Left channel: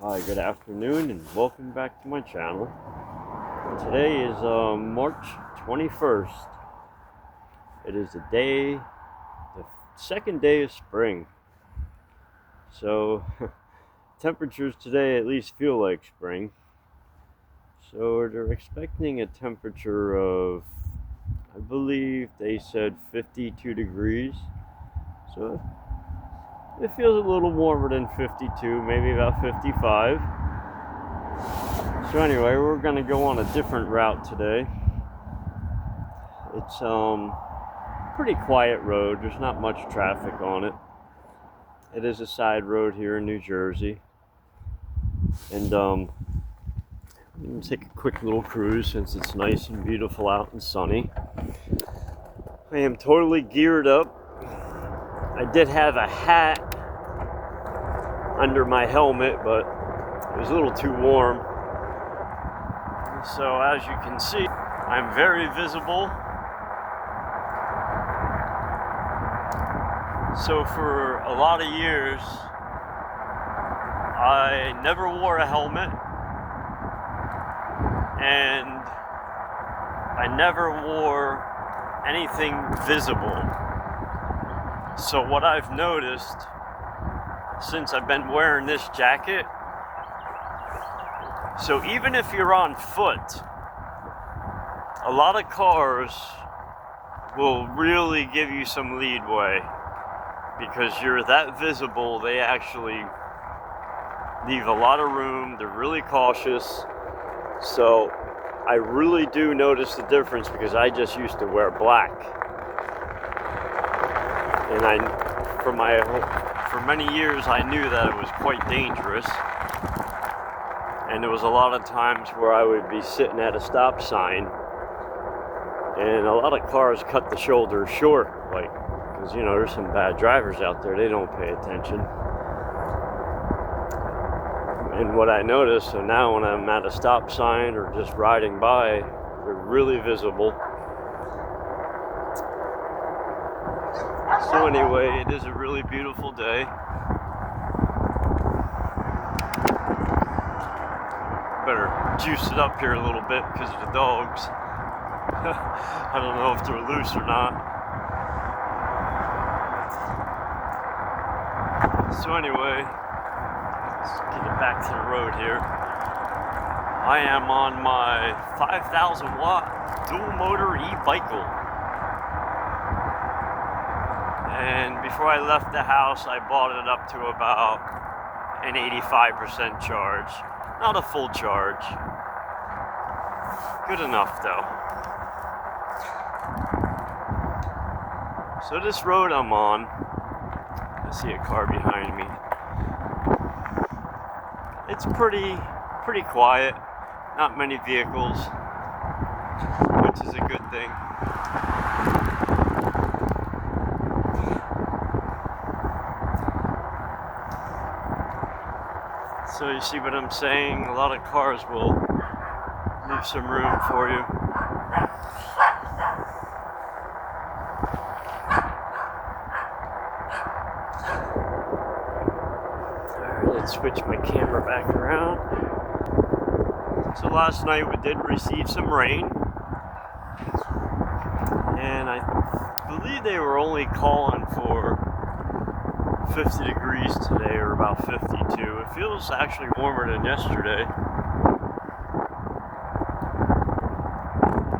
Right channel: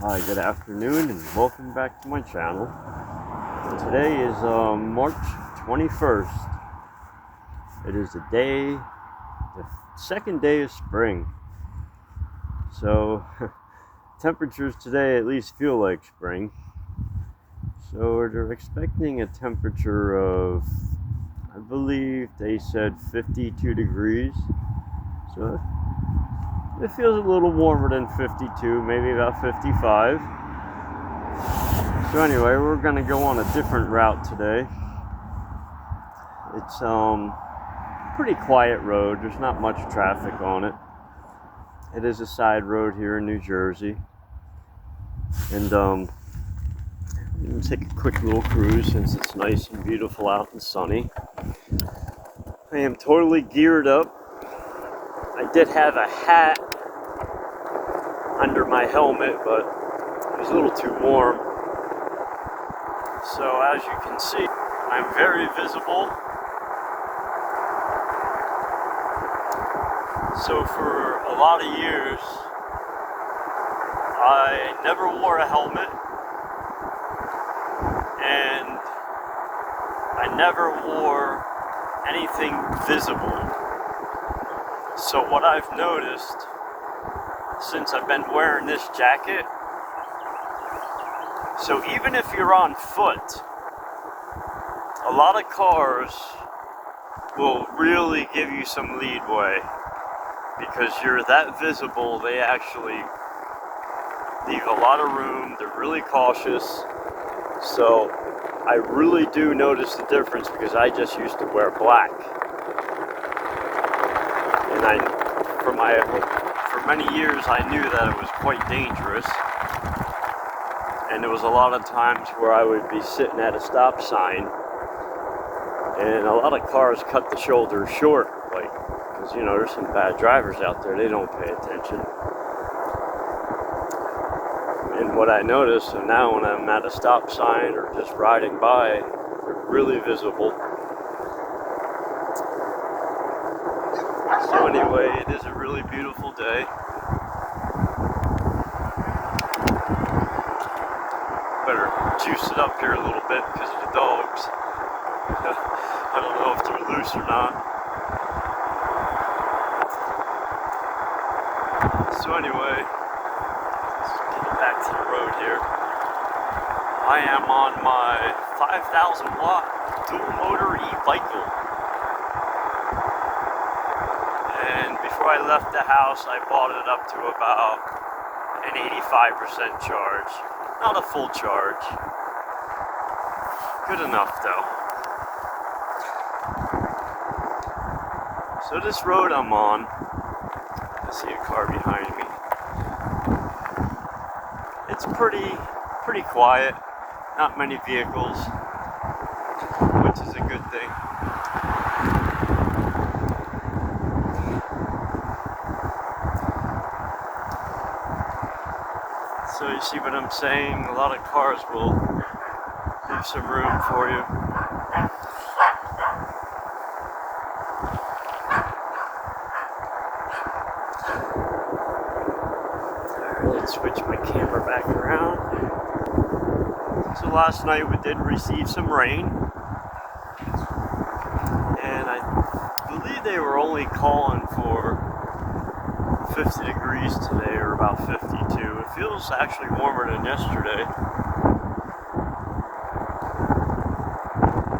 Hi, good afternoon, and welcome back to my channel. Today is March 21st. It is the second day of spring. So, temperatures today at least feel like spring. So, they're expecting a temperature of, I believe they said 52 degrees. So, it feels a little warmer than 52, maybe about 55. So anyway, we're gonna go on a different route today. It's pretty quiet road. There's not much traffic on it. It is a side road here in New Jersey. And I'm gonna take a quick little cruise since it's nice and beautiful out and sunny. I am totally geared up. I did have a hat under my helmet, but it was a little too warm. So as you can see, I'm very visible. So for a lot of years, I never wore a helmet, and I never wore anything visible. So what I've noticed since I've been wearing this jacket, so even if you're on foot, a lot of cars will really give you some leadway. Because you're that visible, they actually leave a lot of room. They're really cautious. So I really do notice the difference because I just used to wear black. And for many years I knew that it was quite dangerous. And there was a lot of times where I would be sitting at a stop sign and a lot of cars cut the shoulders short, like, because, you know, there's some bad drivers out there, they don't pay attention. And what I noticed, so now when I'm at a stop sign or just riding by, they're really visible. So anyway, it is a really beautiful day. Better juice it up here a little bit because of the dogs. I don't know if they're loose or not. So anyway, let's get back to the road here. I am on my 5,000 watt dual motor e-bicycle. And before I left the house, I bought it up to about an 85% charge. Not a full charge. Good enough though. So this road I'm on, I see a car behind me. It's pretty quiet, not many vehicles, which is a good thing. So you see what I'm saying? A lot of cars will leave some room for you. Let's switch my camera back around. So last night we did receive some rain, and I believe they were only calling for 50 degrees today, or about 52. It feels actually warmer than yesterday.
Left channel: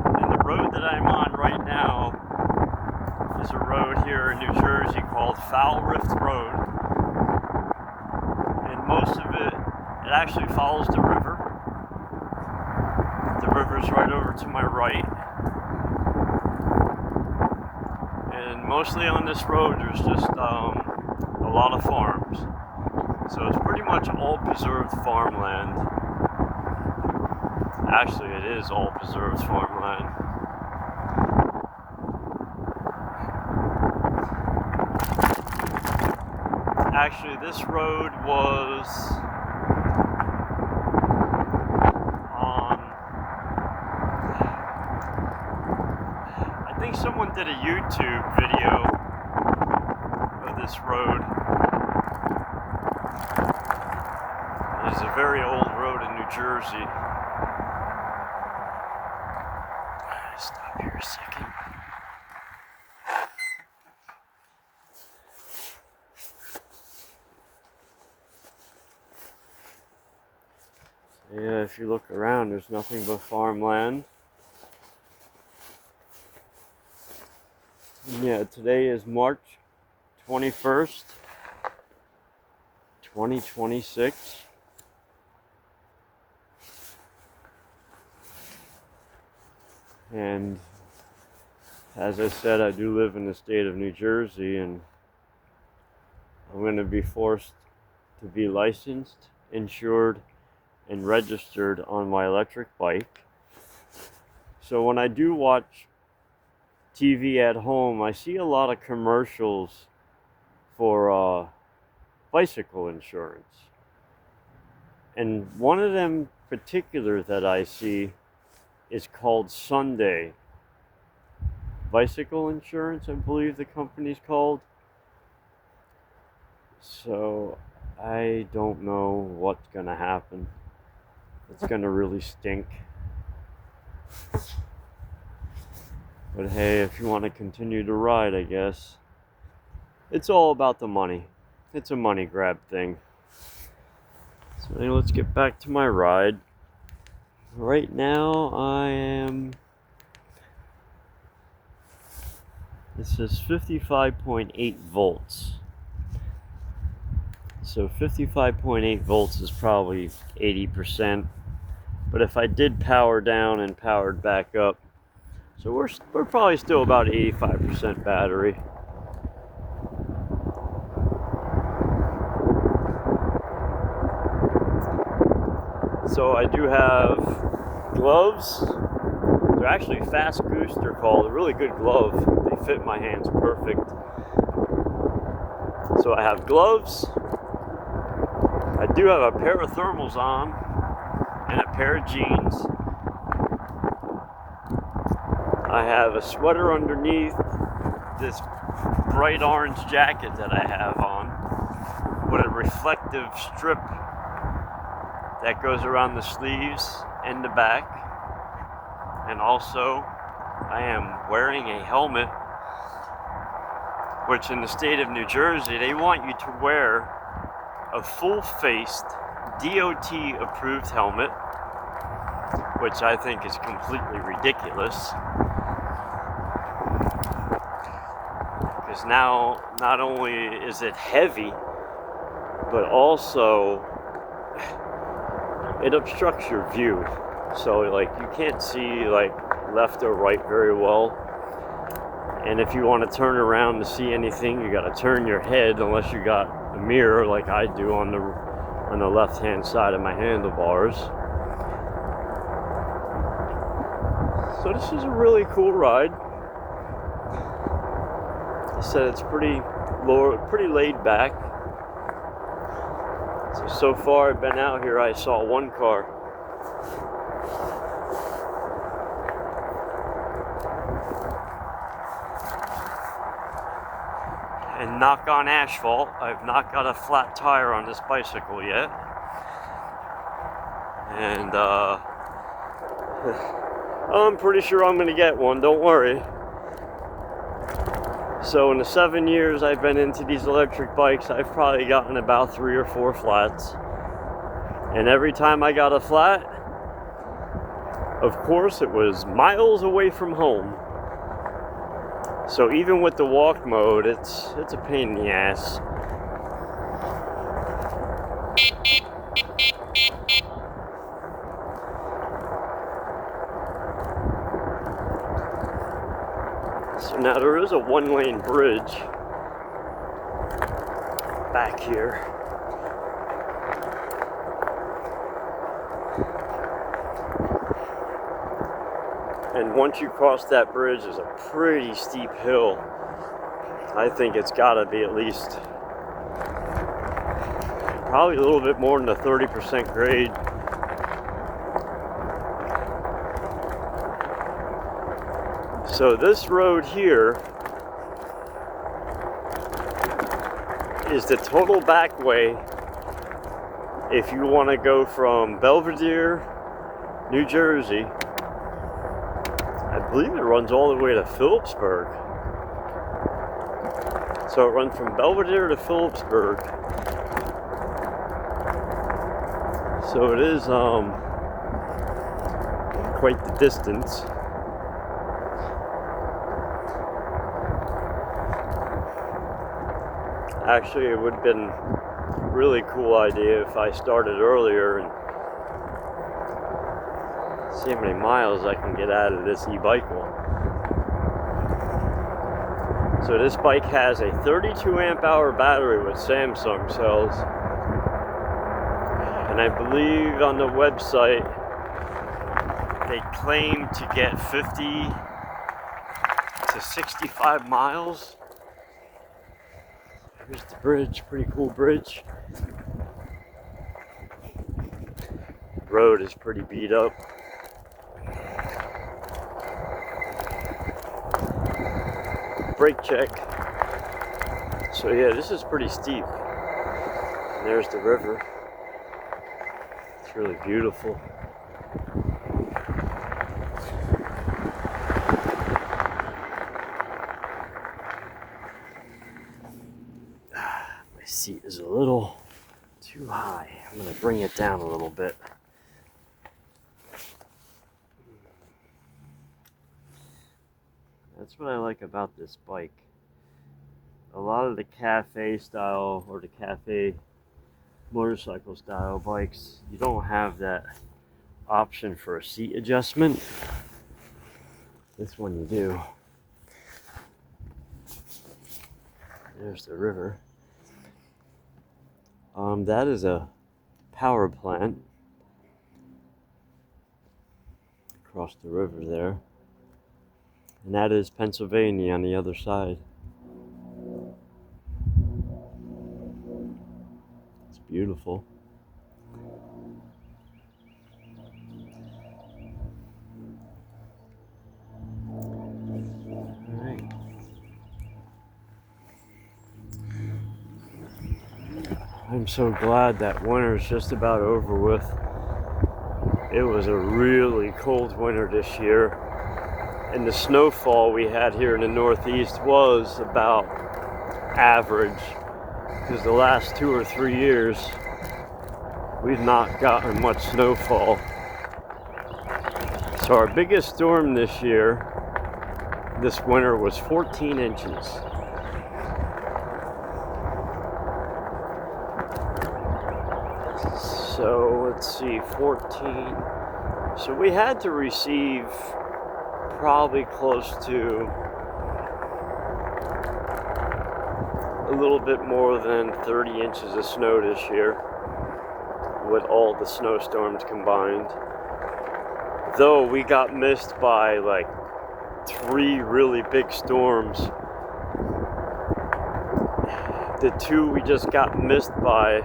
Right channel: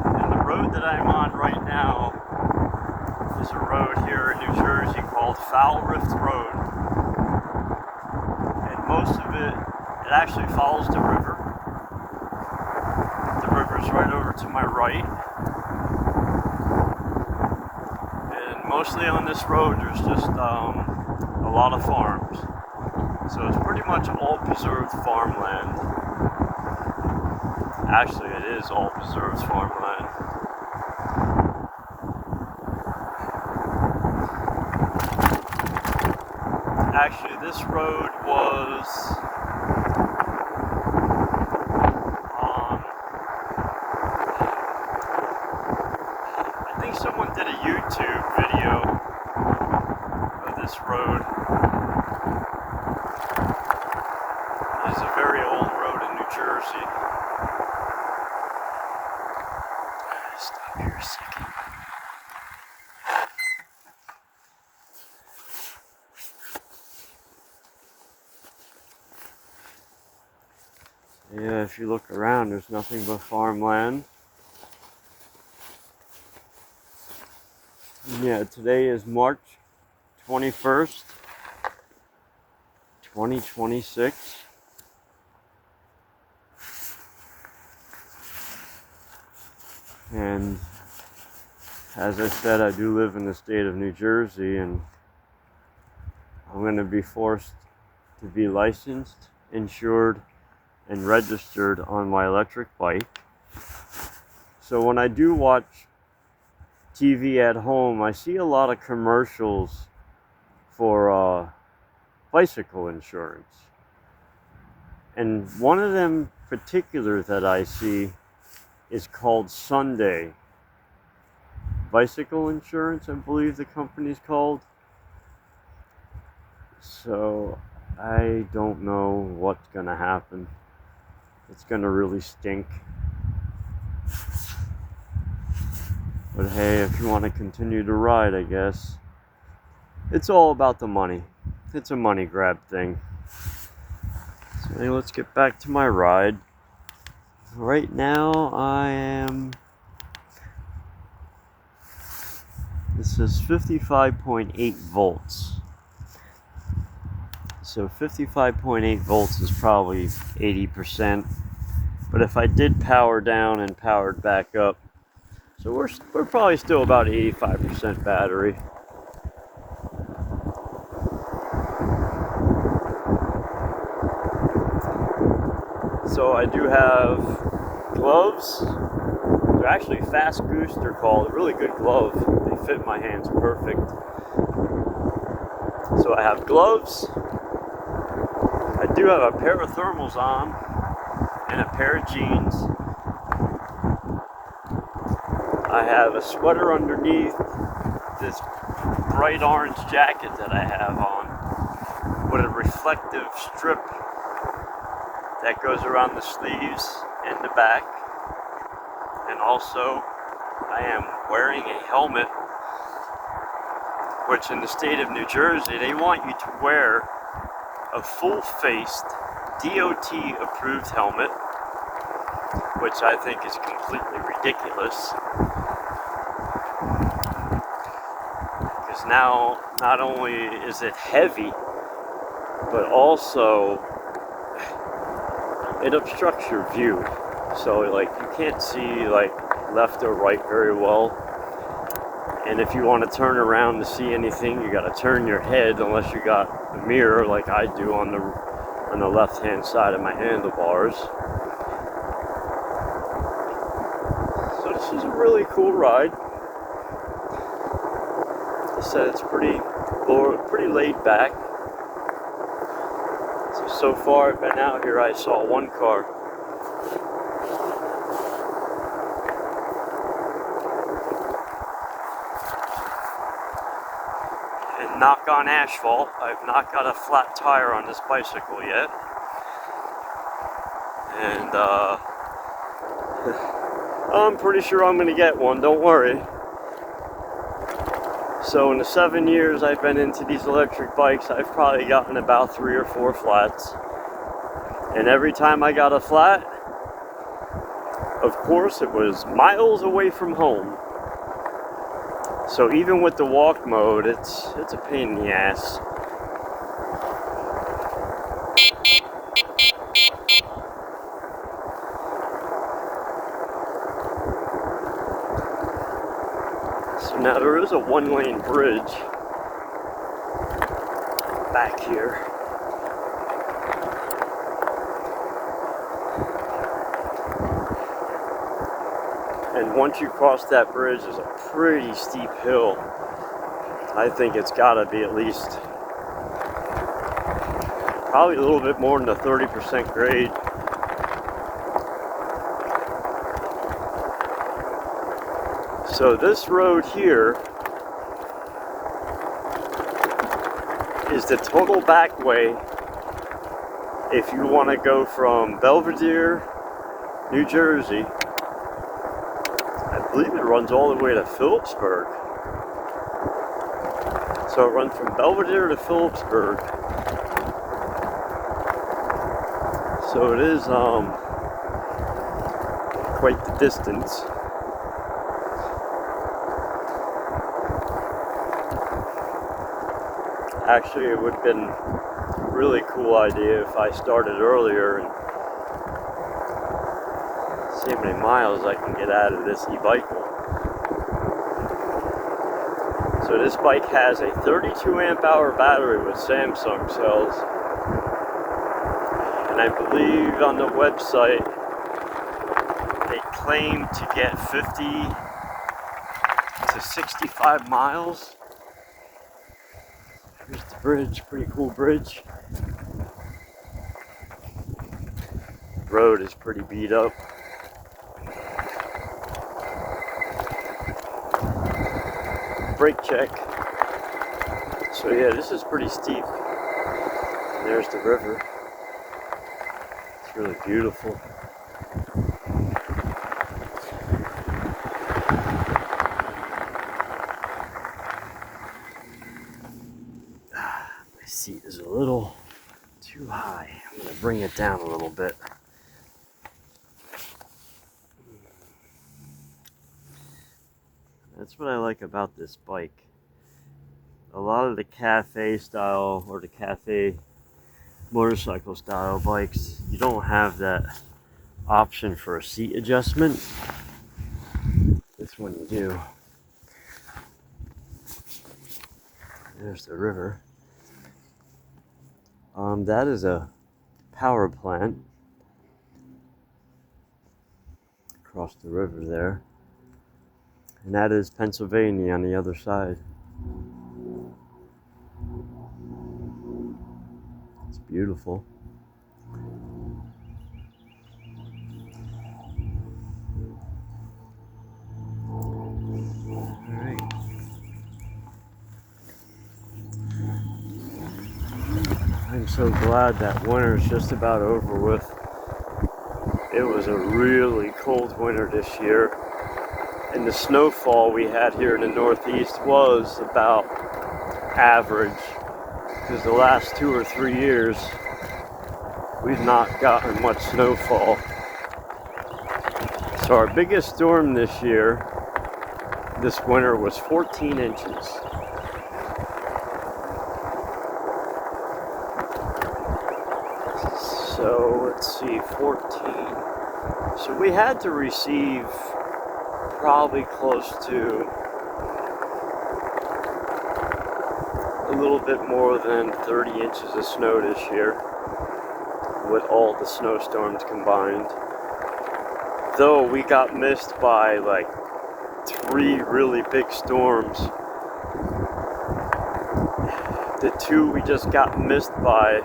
And the road that I'm on right now is a road here in New Jersey called Foul Rift Road. Most of it actually follows the river. The river's right over to my right. And mostly on this road, there's just a lot of farms. So it's pretty much all preserved farmland. Actually, it is all preserved farmland. Actually, this road was on, I think someone did a YouTube video of this road. is a very old road in New Jersey. Stop here a second. Yeah, if you look around, there's nothing but farmland. Yeah, today is March 21st, 2026. And as I said, I do live in the state of New Jersey, and I'm going to be forced to be licensed, insured, and registered on my electric bike. So when I do watch TV at home, I see a lot of commercials for bicycle insurance. And one of them particular that I see is called Sunday Bicycle Insurance, I believe the company's called. So I don't know what's gonna happen. It's gonna really stink. But hey, if you want to continue to ride, I guess. It's all about the money. It's a money grab thing. So anyway, let's get back to my ride. Right now this is 55.8 volts. So 55.8 volts is probably 80%. But if I did power down and powered back up, so we're probably still about 85% battery. So I do have gloves. They're actually Fast Goose, they're called. A really good glove. They fit my hands perfect. So I have gloves. I do have a pair of thermals on and a pair of jeans. I have a sweater underneath this bright orange jacket that I have on with a reflective strip that goes around the sleeves and the back. And also, I am wearing a helmet, which in the state of New Jersey, they want you to wear a full-faced DOT approved helmet, which I think is completely ridiculous. Because now, not only is it heavy, but also it obstructs your view. So like you can't see like left or right very well. And if you want to turn around to see anything, you got to turn your head, unless you got a mirror like I do on the left hand side of my handlebars. So this is a really cool ride. So it's pretty laid back. So far I've been out here, I saw one car. And knock on asphalt, I've not got a flat tire on this bicycle yet. And I'm pretty sure I'm going to get one, don't worry. So in the 7 years I've been into these electric bikes, I've probably gotten about 3 or 4 flats. And every time I got a flat, of course it was miles away from home. So even with the walk mode, it's a pain in the ass. So now there is a one-lane bridge back here. And once you cross that bridge, there's a pretty steep hill. I think it's got to be at least probably a little bit more than a 30% grade. So this road here is the total back way if you want to go from Belvedere, New Jersey, I believe it runs all the way to Phillipsburg. So it runs from Belvedere to Phillipsburg. So it is quite the distance. Actually, it would have been a really cool idea if I started earlier and see how many miles I can get out of this e-bicycle. So this bike has a 32 amp hour battery with Samsung cells. And I believe on the website they claim to get 50 to 65 miles. Here's the bridge, pretty cool bridge. The road is pretty beat up. Brake check. So yeah, this is pretty steep. And there's the river. It's really beautiful. My seat is a little too high. I'm going to bring it down a little bit. That's what I like about this bike. A lot of the cafe style or the cafe motorcycle style bikes, you don't have that option for a seat adjustment. This one you do. There's the river. That is a power plant across the river there. And that is Pennsylvania on the other side. It's beautiful. All right. I'm so glad that winter's just about over with. It was a really cold winter this year. And the snowfall we had here in the Northeast was about average. Because the last 2 or 3 years, we've not gotten much snowfall. So our biggest storm this year, this winter, was 14 inches. So let's see, 14. So we had to receive probably close to a little bit more than 30 inches of snow this year with all the snowstorms combined. Though we got missed by like 3 really big storms. The 2 we just got missed by,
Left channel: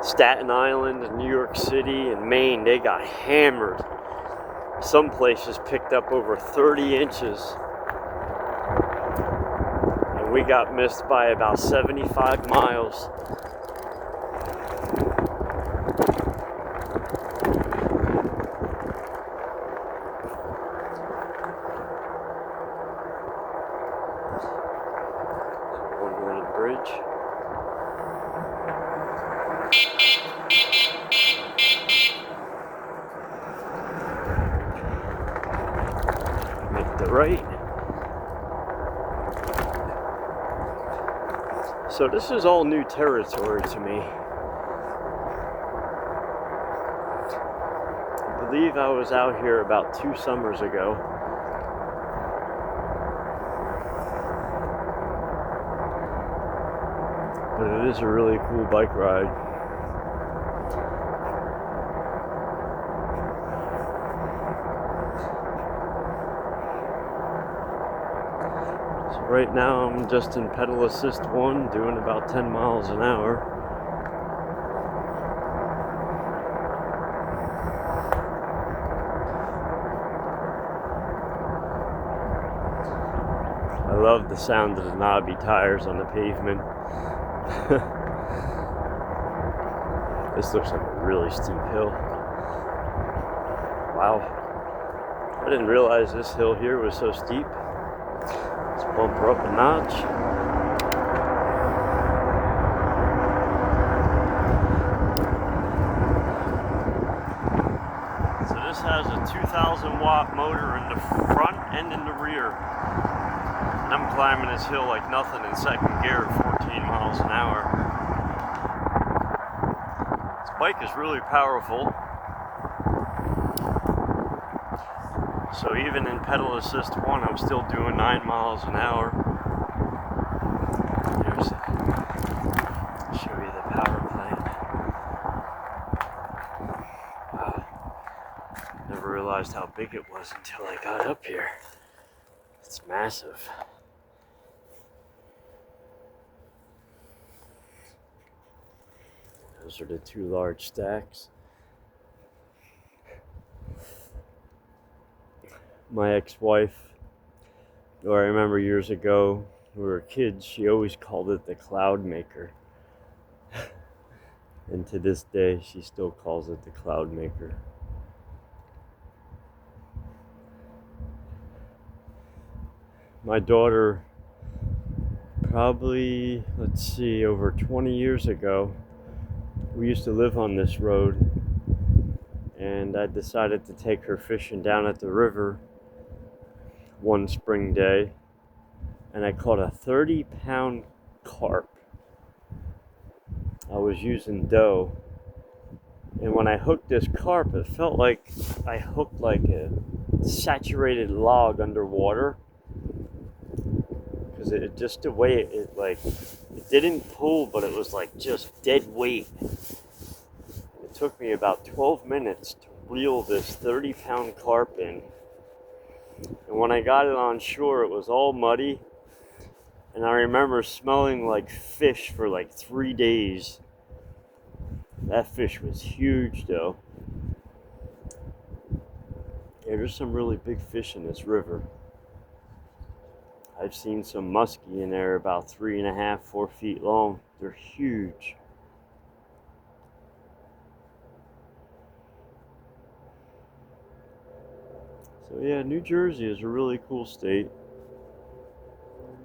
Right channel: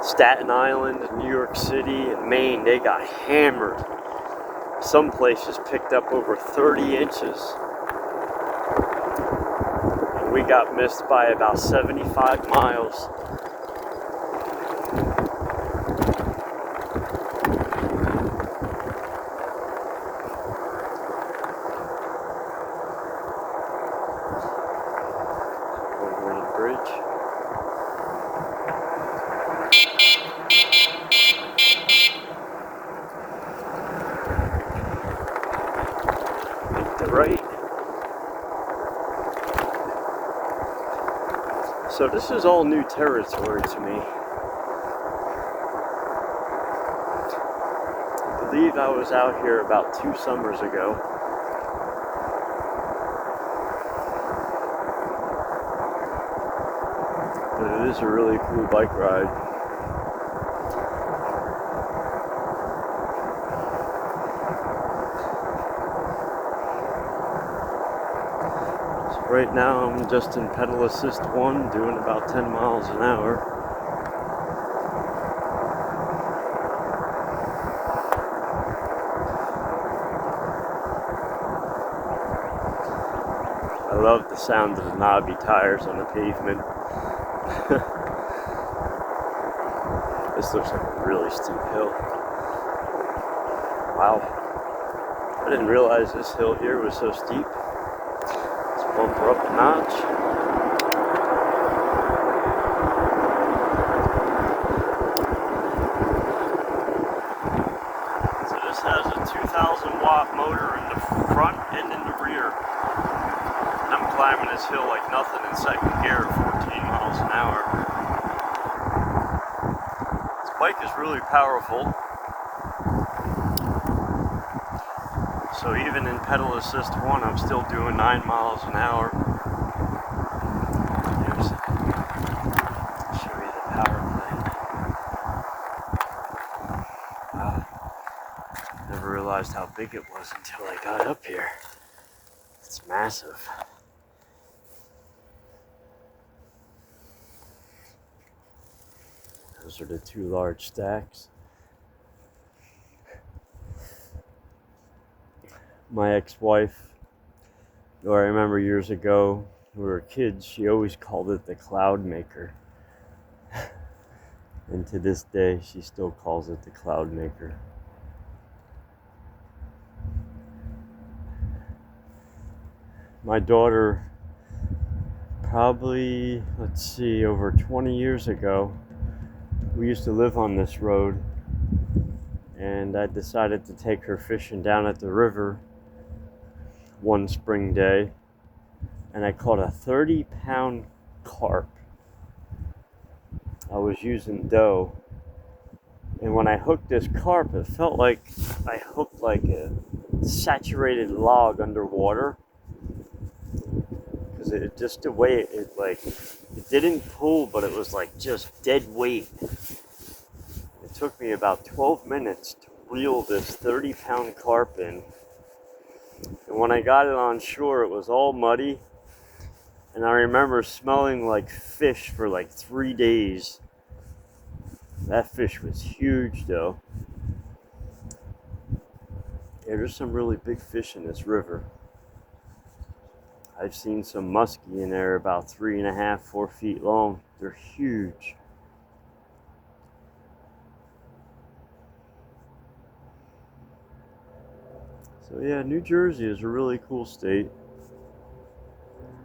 Staten Island and New York City and Maine, they got hammered. Some places picked up over 30 inches. And we got missed by about 75 miles. One-lane bridge. Make the right. So this is all new territory to me. I believe I was out here about 2 summers ago. But it is a really cool bike ride. So right now I'm just in pedal assist 1, doing about 10 miles an hour. I love the sound of the knobby tires on the pavement. This looks like a really steep hill. Wow. I didn't realize this hill here was so steep. Let's bump her up a notch. So this has a 2,000 watt motor in the front and in the rear. And I'm climbing this hill like nothing in second gear at 14 miles an hour. This bike is really powerful. So even in pedal assist 1, I'm still doing 9 miles an hour. Here's, I'll show you the power plant. Wow. Never realized how big it was until I got up here. It's massive. Those are the 2 large stacks. My ex-wife, who I remember years ago, when we were kids, she always called it the Cloud Maker. And to this day, she still calls it the Cloud Maker. My daughter, probably, over 20 years ago, we used to live on this road, and I decided to take her fishing down at the river one spring day, and I caught a 30-pound carp. I was using dough, and when I hooked this carp, it felt like I hooked like a saturated log underwater, because it just the way it didn't pull, but it was like just dead weight. It took me about 12 minutes to reel this 30-pound carp in. And when I got it on shore, it was all muddy. And I remember smelling like fish for like 3 days. That fish was huge, though. Yeah, there's some really big fish in this river. I've seen some muskie in there about 3.5, 4 feet long. They're huge. So yeah, New Jersey is a really cool state.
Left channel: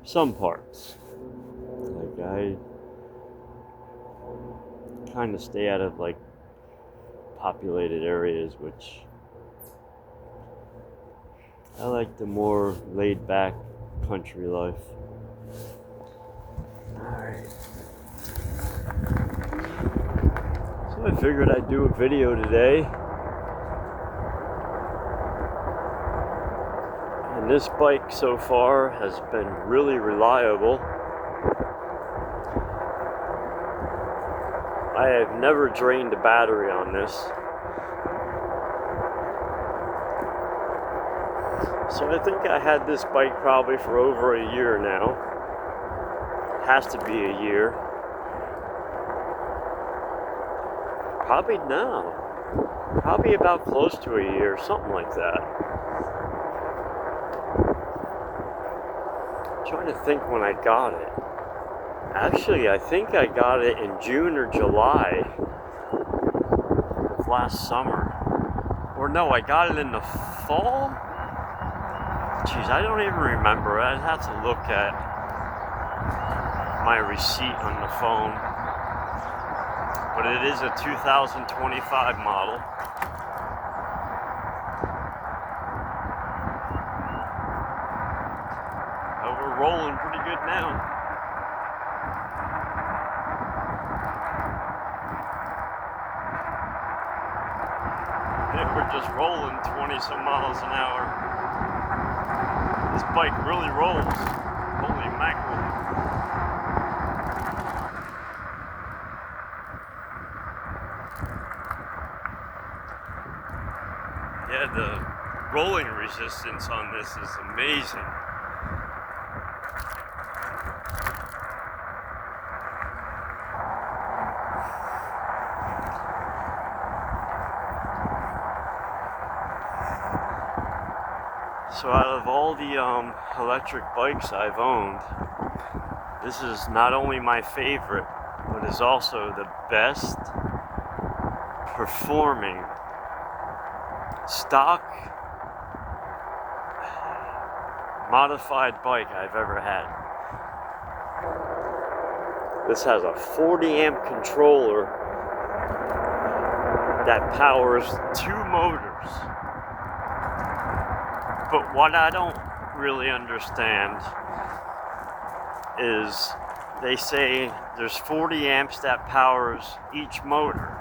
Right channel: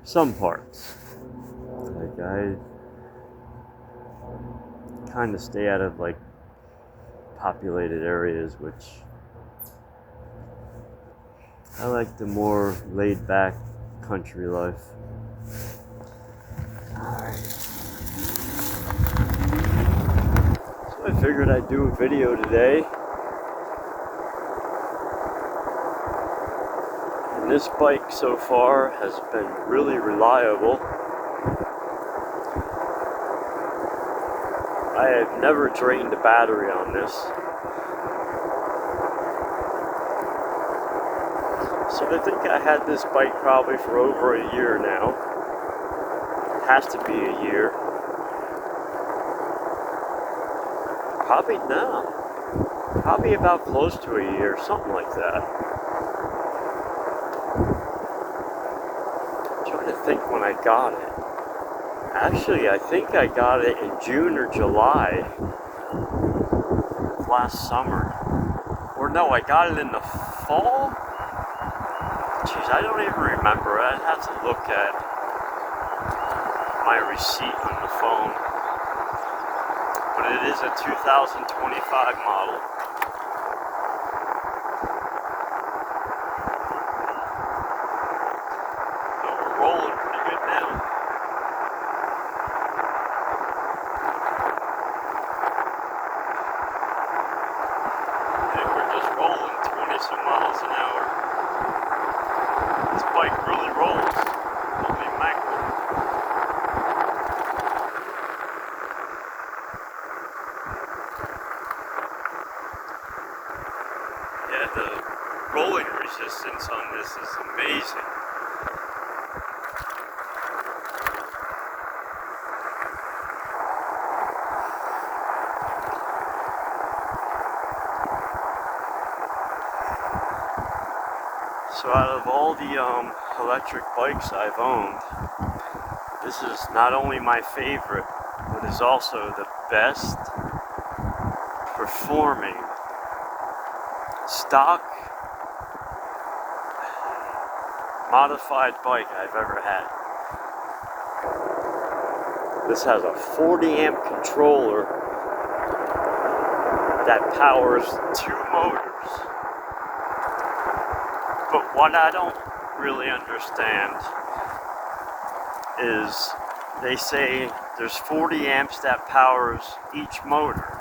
Some parts. Like I kind of stay out of like populated areas, which I like the more laid back country life. Alright. So I figured I'd do a video today. And this bike so far has been really reliable. I have never drained a battery on this. So I think I had this bike probably for over a year now. Has to be a year. Probably now. Probably about close to a year, something like that. I'm trying to think when I got it. Actually, I think I got it in June or July of last summer. Or no, I got it in the fall? Jeez, I don't even remember. I'd have to look at my receipt on the phone. But it is a 2025 model. So we're rolling pretty good now. And we're just rolling 20 some miles an hour. This bike really rolls. Holy mackerel. Yeah, the rolling resistance on this is amazing. So out of all the electric bikes I've owned, this is not only my favorite, but is also the best performing stock modified bike I've ever had. This has a 40 amp controller that powers 2 motors. But what I don't really understand is they say there's 40 amps that powers each motor.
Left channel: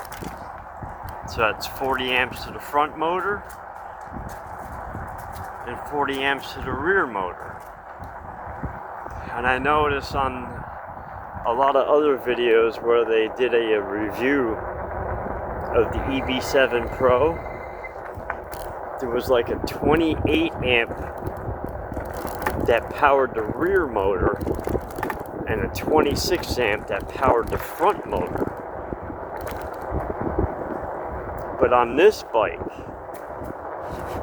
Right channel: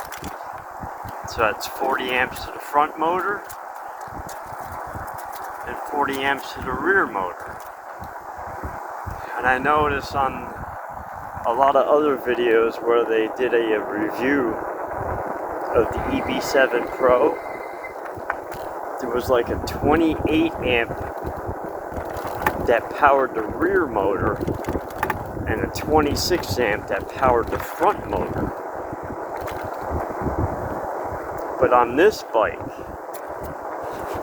So that's 40 amps to the front motor and 40 amps to the rear motor. And I noticed on a lot of other videos where they did a review of the EB7 Pro, there was like a 28 amp that powered the rear motor and a 26 amp that powered the front motor. But on this bike,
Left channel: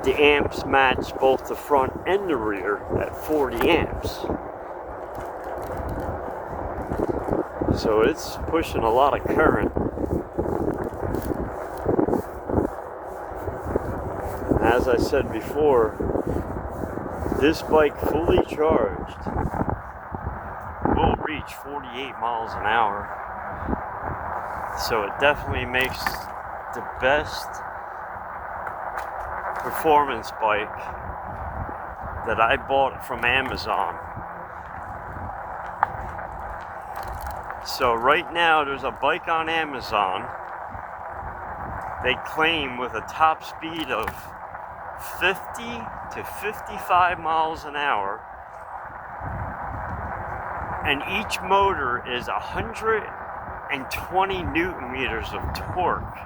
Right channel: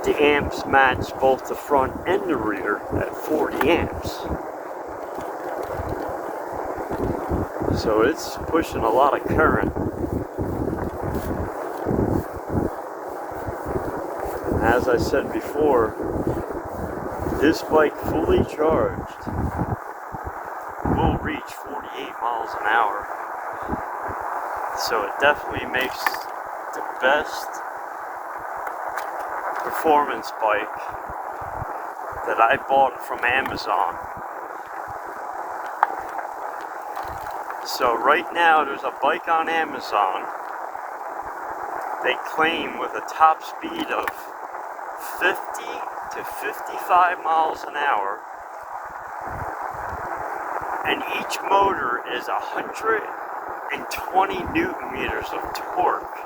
the amps match both the front and the rear at 40 amps. So it's pushing a lot of current. And as I said before, this bike fully charged will reach 48 miles an hour. So it definitely makes the best performance bike that I bought from Amazon. So right now there's a bike on Amazon they claim with a top speed of 50 to 55 miles an hour, and each motor is 120 newton meters of torque.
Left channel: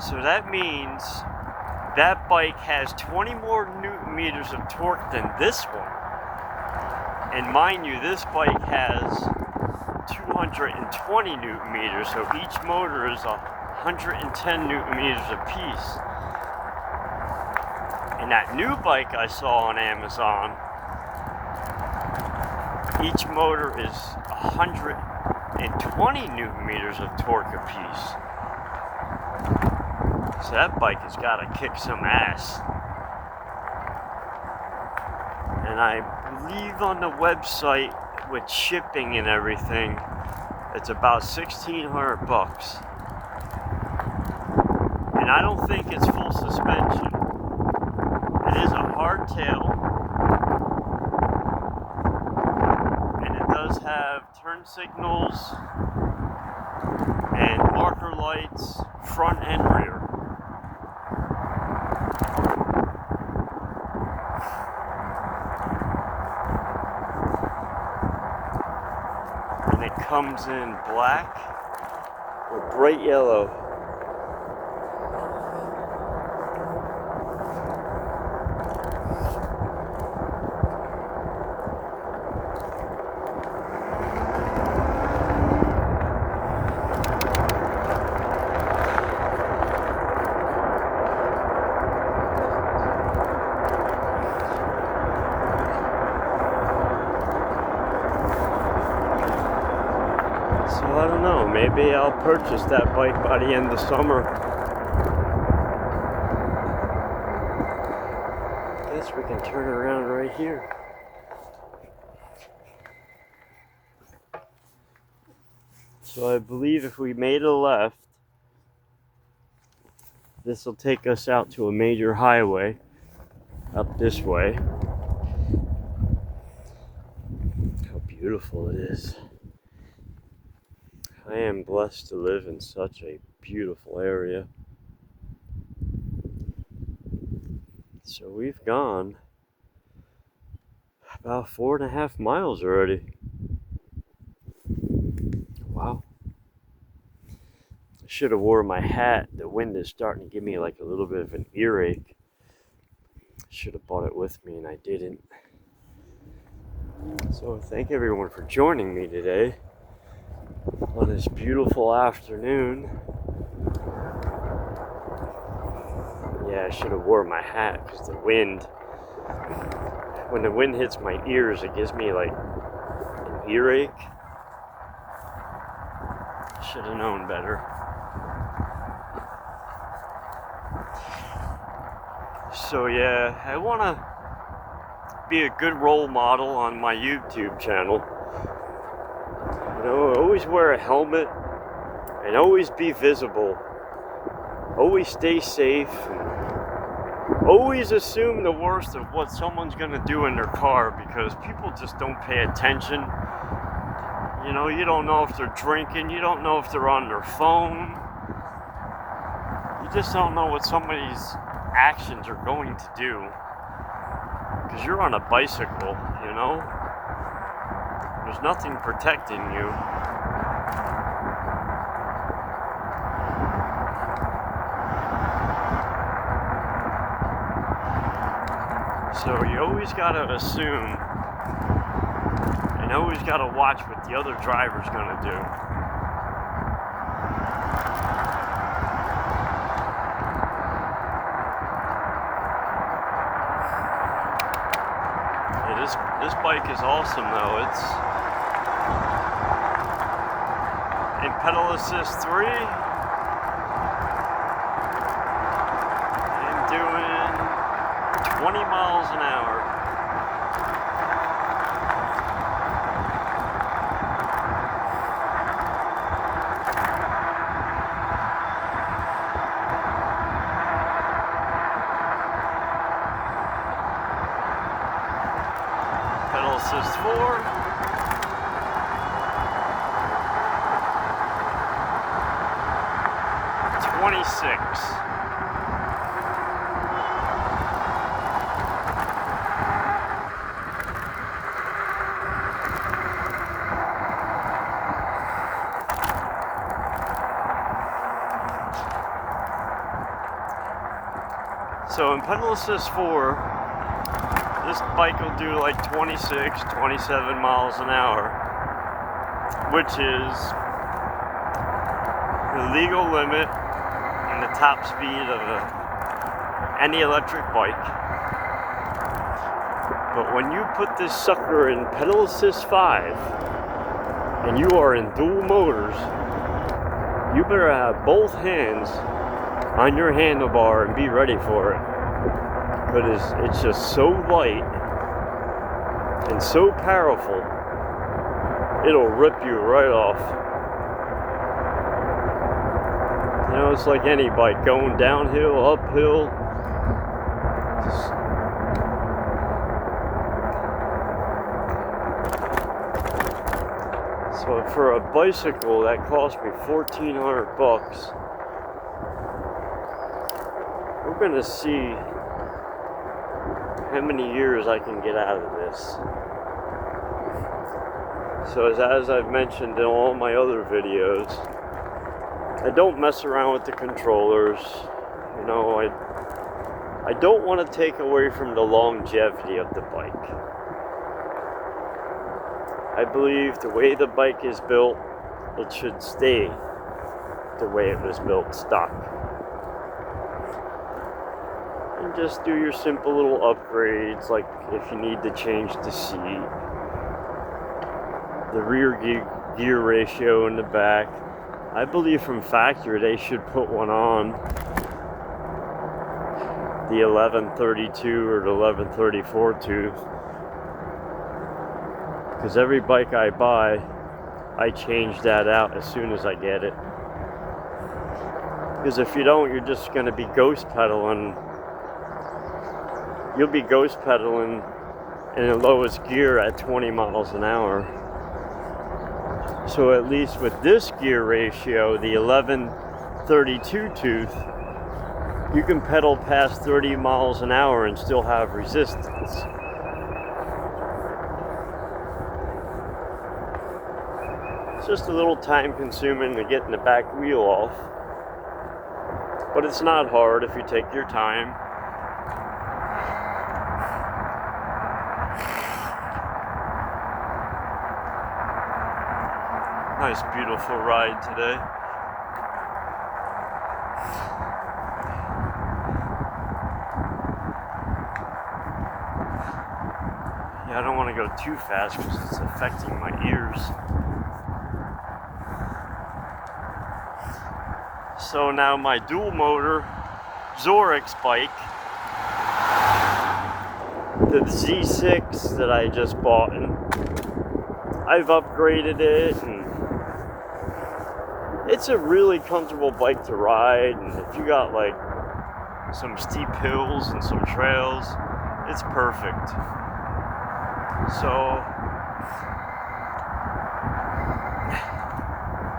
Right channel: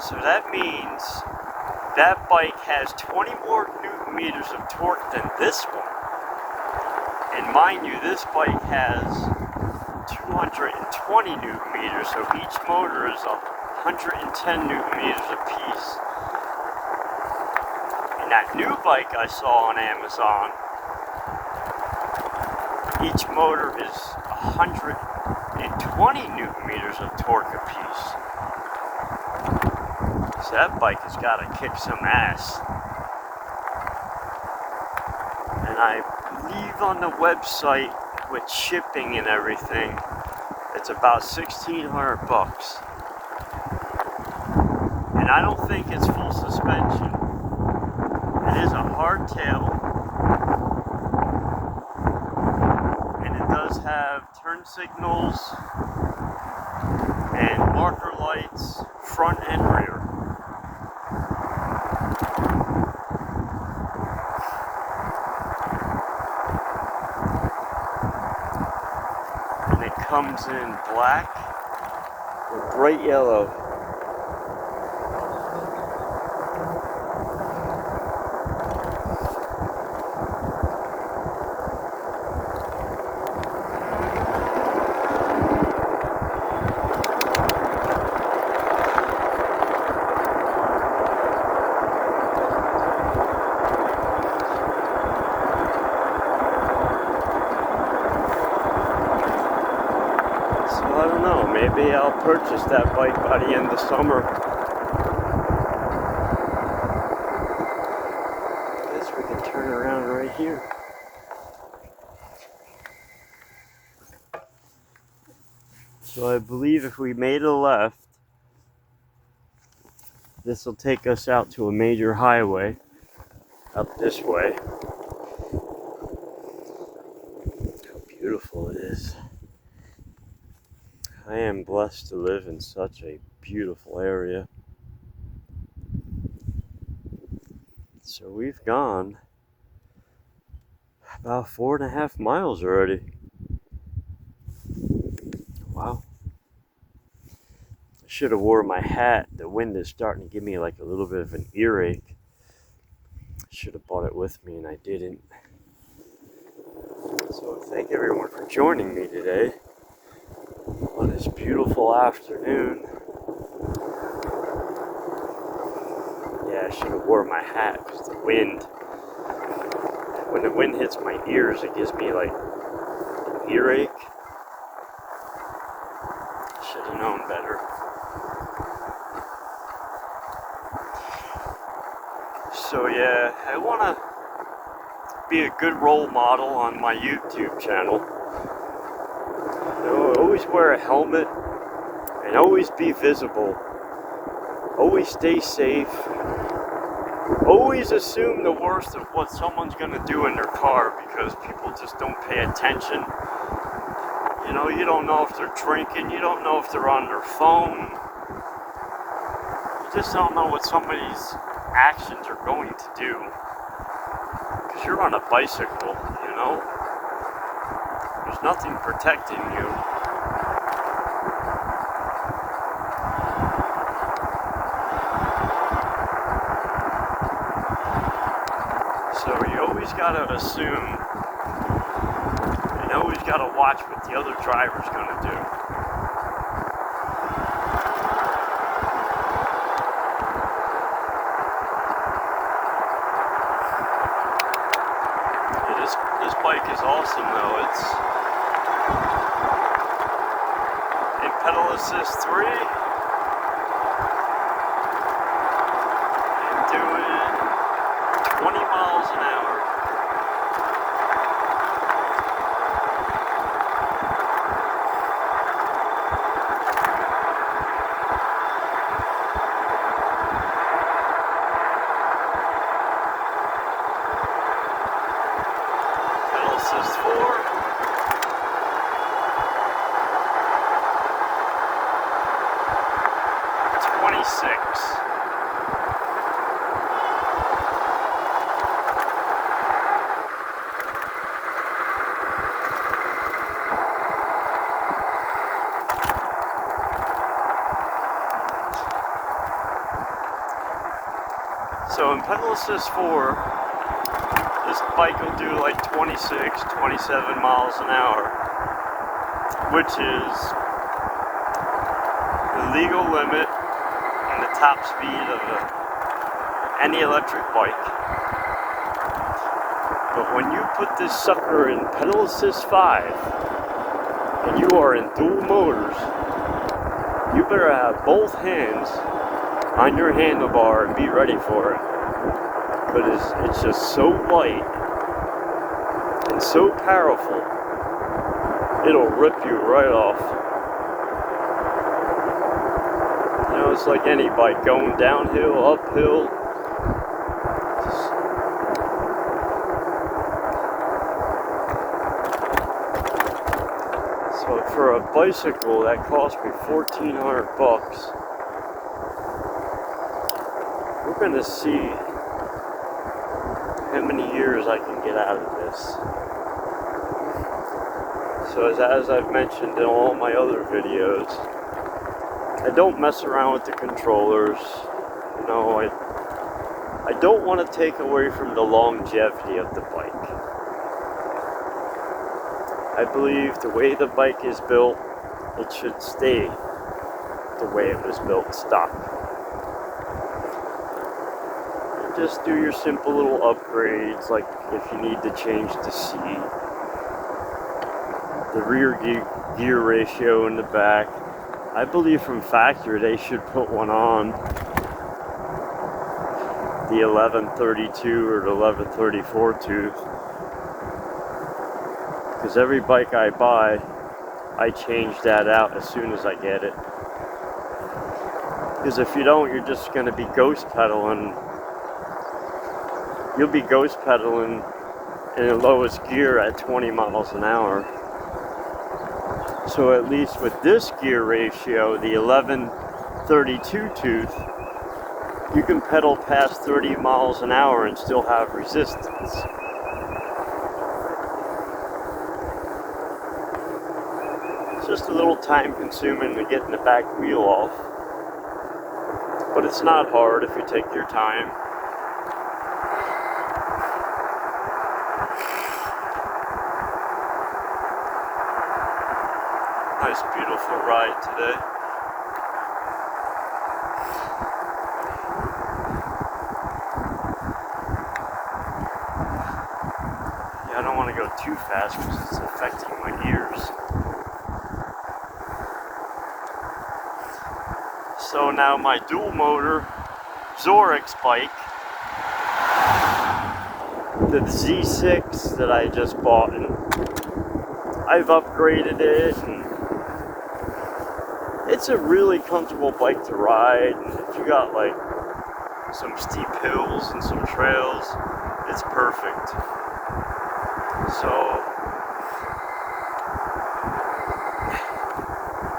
So that means that bike has 20 more newton meters of torque than this one. And mind you, this bike has 220 newton meters, so each motor is 110 newton meters apiece. And that new bike I saw on Amazon, each motor is 120 newton meters of torque apiece. So that bike has got to kick some ass. And I believe on the website with shipping and everything, it's about $1,600. And I don't think it's full suspension. It is a hardtail, and it does have turn signals and marker lights, front and rear. And it comes in black or bright yellow. I don't know, maybe I'll purchase that bike by the end of summer. I guess we can turn around right here. So I believe if we made a left, this will take us out to a major highway up this way. How beautiful it is. I am blessed to live in such a beautiful area. So we've gone about 4.5 miles already. Wow. I should have wore my hat. The wind is starting to give me like a little bit of an earache. I should have brought it with me and I didn't. So thank everyone for joining me today on this beautiful afternoon. Yeah, I should have wore my hat because the wind, when the wind hits my ears, it gives me like an earache. Should have known better. So yeah, I want to be a good role model on my YouTube channel. You know, always wear a helmet and always be visible. Always stay safe. Always assume the worst of what someone's going to do in their car, because people just don't pay attention. You know, you don't know if they're drinking, you don't know if they're on their phone. You just don't know what somebody's actions are going to do. Because you're on a bicycle, you know? There's nothing protecting you. So you always gotta assume, and always gotta watch what the other driver's gonna do. Yeah, this bike is awesome though. It's in pedal assist 3. I'm doing 20 miles an hour. Pedal assist 4. So in pedal assist 4, this bike will do like 26, 27 miles an hour, which is the legal limit and the top speed of any electric bike. But when you put this sucker in pedal assist 5 and you are in dual motors, you better have both hands on your handlebar and be ready for it. But it's just so light and so powerful, it'll rip you right off. You know, it's like any bike, going downhill, uphill. So for a bicycle that cost me $1,400, we're gonna see how many years I can get out of this. So as I've mentioned in all my other videos, I don't mess around with the controllers. You know, I don't want to take away from the longevity of the bike. I believe the way the bike is built, it should stay the way it was built, stock. Just do your simple little upgrades, like if you need to change the seat, the rear gear ratio in the back. I believe from factory they should put one on, the 1132 or the 1134 tooth, because every bike I buy, I change that out as soon as I get it. Because if you don't, you're just going to be ghost pedaling. You'll be ghost pedaling in the lowest gear at 20 miles an hour. So at least with this gear ratio, the 1132 tooth, you can pedal past 30 miles an hour and still have resistance. It's just a little time consuming to get the back wheel off, but it's not hard if you take your time. Nice, beautiful ride today. Yeah, I don't want to go too fast because it's affecting my ears. So now my dual motor Zorix bike the Z6 that I just bought, and I've upgraded it, and it's a really comfortable bike to ride. And if you got like some steep hills and some trails, it's perfect. So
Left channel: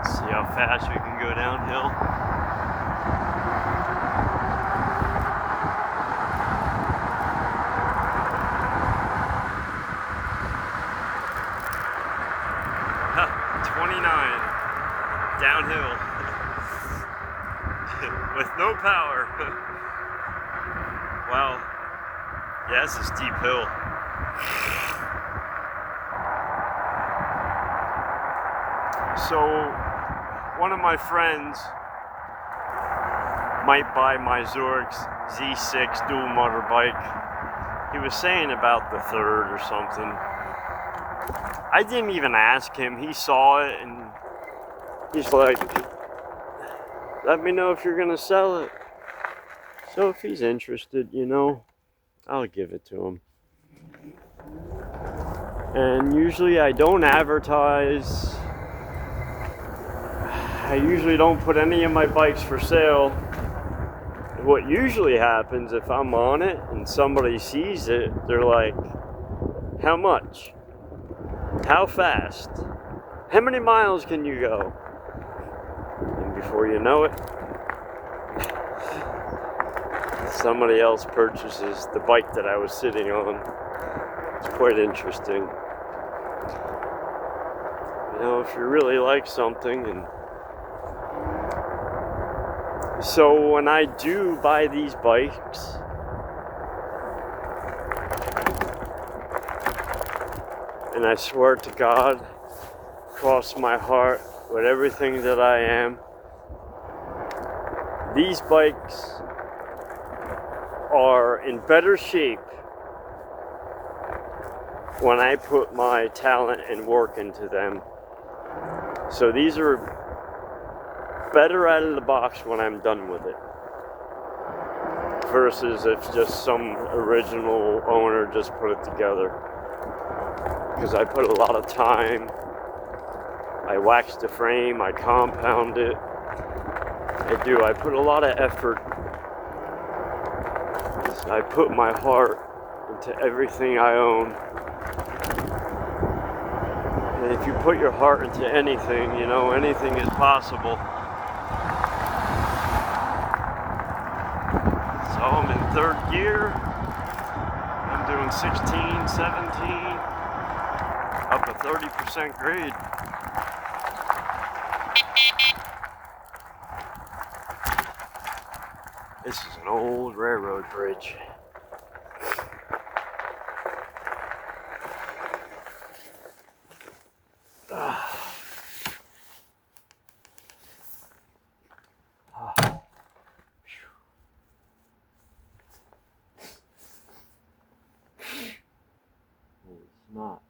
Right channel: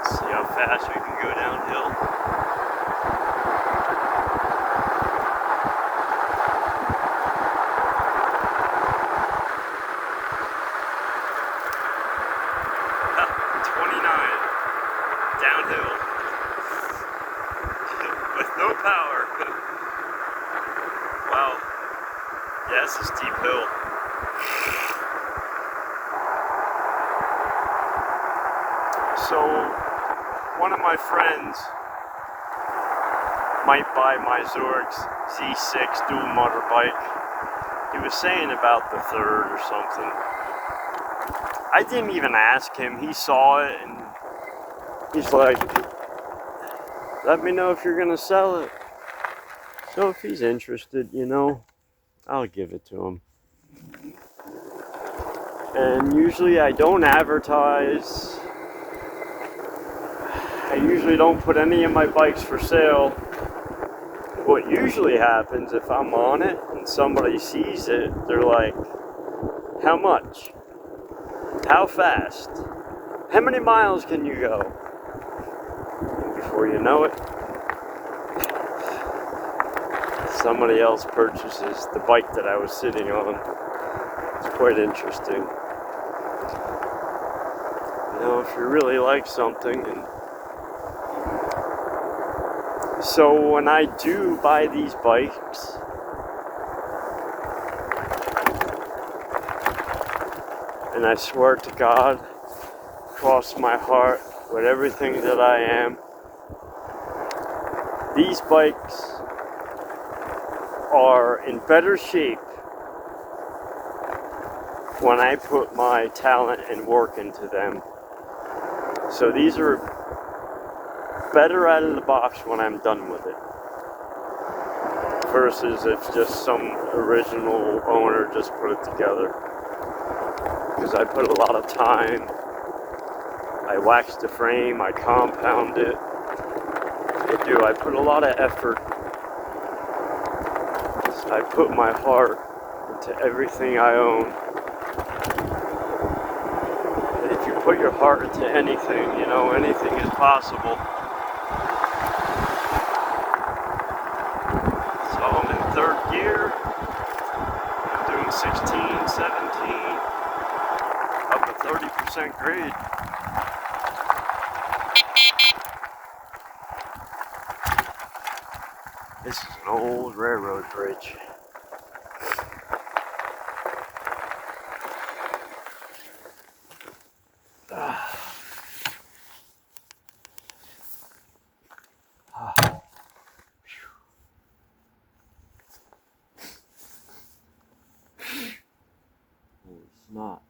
see how fast we can go downhill. Ha, 29 downhill with no power. Wow, yeah, it's a steep hill. So one of my friends might buy my Zorix Z6 dual motor bike. He was saying about the third or something. I didn't even ask him. He saw it and he's like, let me know if you're gonna sell it. So if he's interested, you know, I'll give it to him. And usually I don't advertise. I usually don't put any of my bikes for sale. What usually happens if I'm on it and somebody sees it, they're like, how much? How fast? How many miles can you go? And before you know it, somebody else purchases the bike that I was sitting on. It's quite interesting. You know, if you really like something. And so when I do buy these bikes, and I swear to God, cross my heart with everything that I am, these bikes are in better shape when I put my talent and work into them. So these are better out of the box when I'm done with it, versus if just some original owner just put it together. Because I put a lot of time, I wax the frame, I compound it, I put a lot of effort. I put my heart into everything I own. And if you put your heart into anything, you know, anything is possible. So I'm in third gear. I'm doing 16, 17, up a 30% grade. This is an old railroad bridge. Not.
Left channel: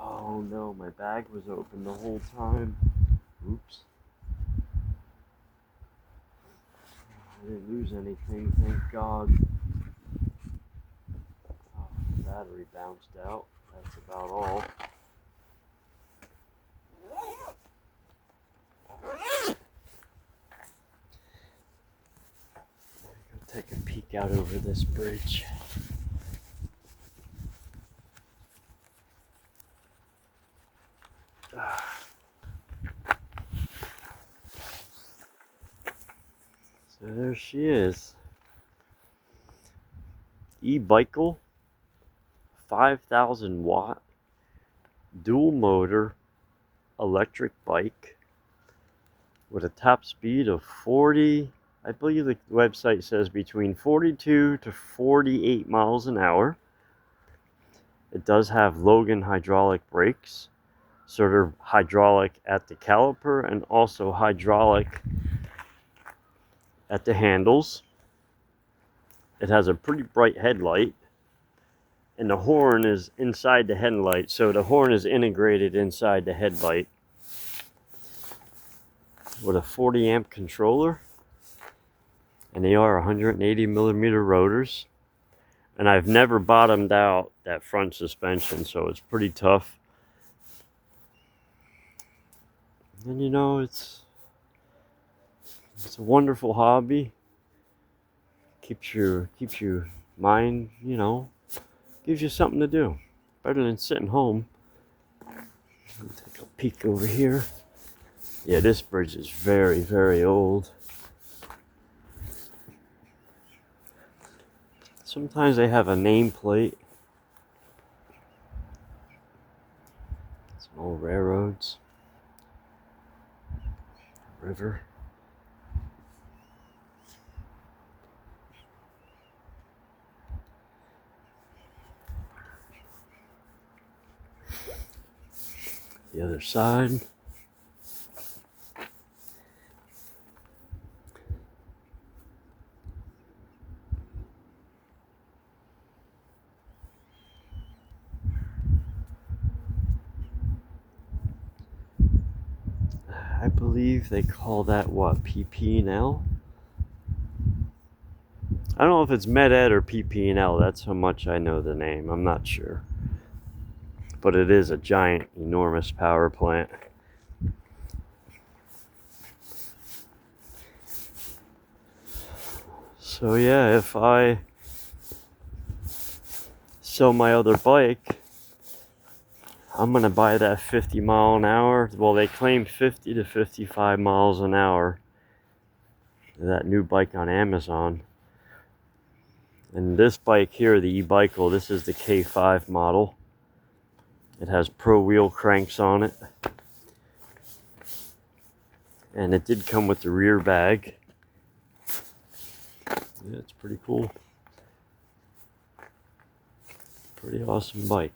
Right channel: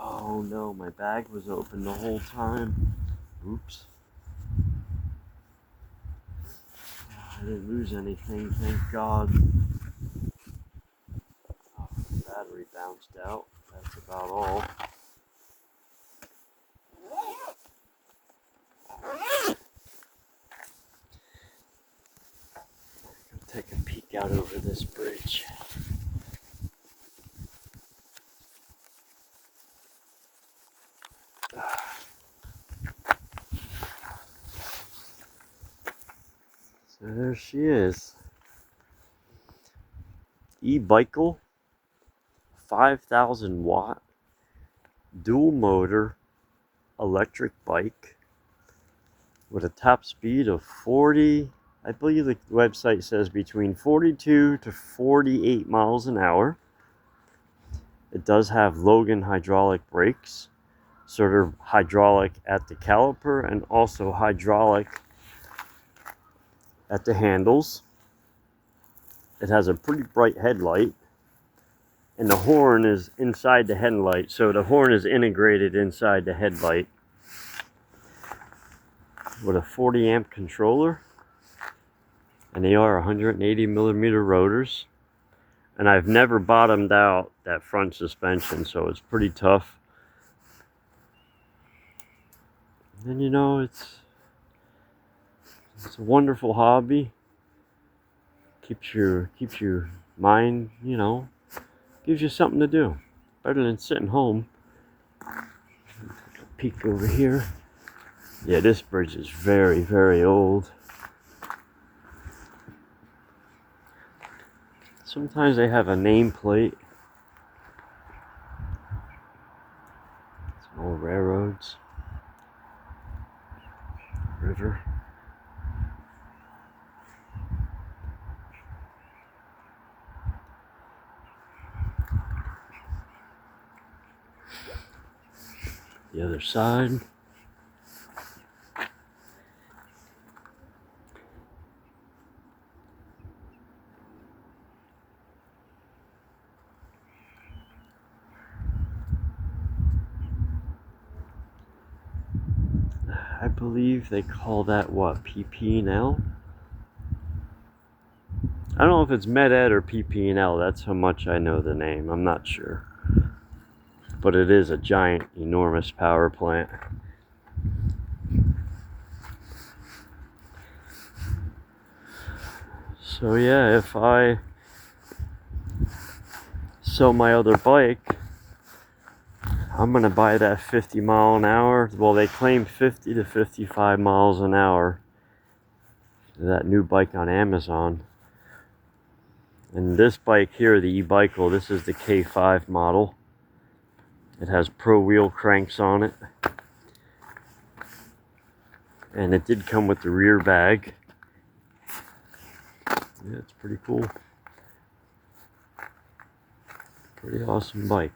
Oh no, my bag was open the whole time. Oops. I didn't lose anything, thank God. Oh, the battery bounced out. That's about all. Go take a peek out over this bridge. So there she is. E-Bicycle, 5,000 watt, dual motor, electric bike with a top speed of 40, I believe the website says between 42 to 48 miles an hour. It does have Logan hydraulic brakes, sort of hydraulic at the caliper and also hydraulic at the handles. It has a pretty bright headlight, and the horn is inside the headlight, so the horn is integrated inside the headlight with a 40 amp controller. And they are 180 millimeter rotors. And I've never bottomed out that front suspension, so it's pretty tough. And you know, it's a wonderful hobby. Keeps your mind, you know, gives you something to do. Better than sitting home. Take a peek over here. Yeah, this bridge is very, very old. Sometimes they have a nameplate. Some old railroads. River. The other side. I believe they call that what, PP&L? I don't know if it's Med-Ed or PP&L. That's how much I know the name. I'm not sure. But it is a giant, enormous power plant. So yeah, if I sell my other bike, I'm gonna buy that 50 mile an hour. Well, they claim 50 to 55 miles an hour. That new bike on Amazon. And this bike here, the e-Bicycle, this is the K5 model. It has pro wheel cranks on it. And it did come with the rear bag. Yeah, it's pretty cool. Pretty awesome bike.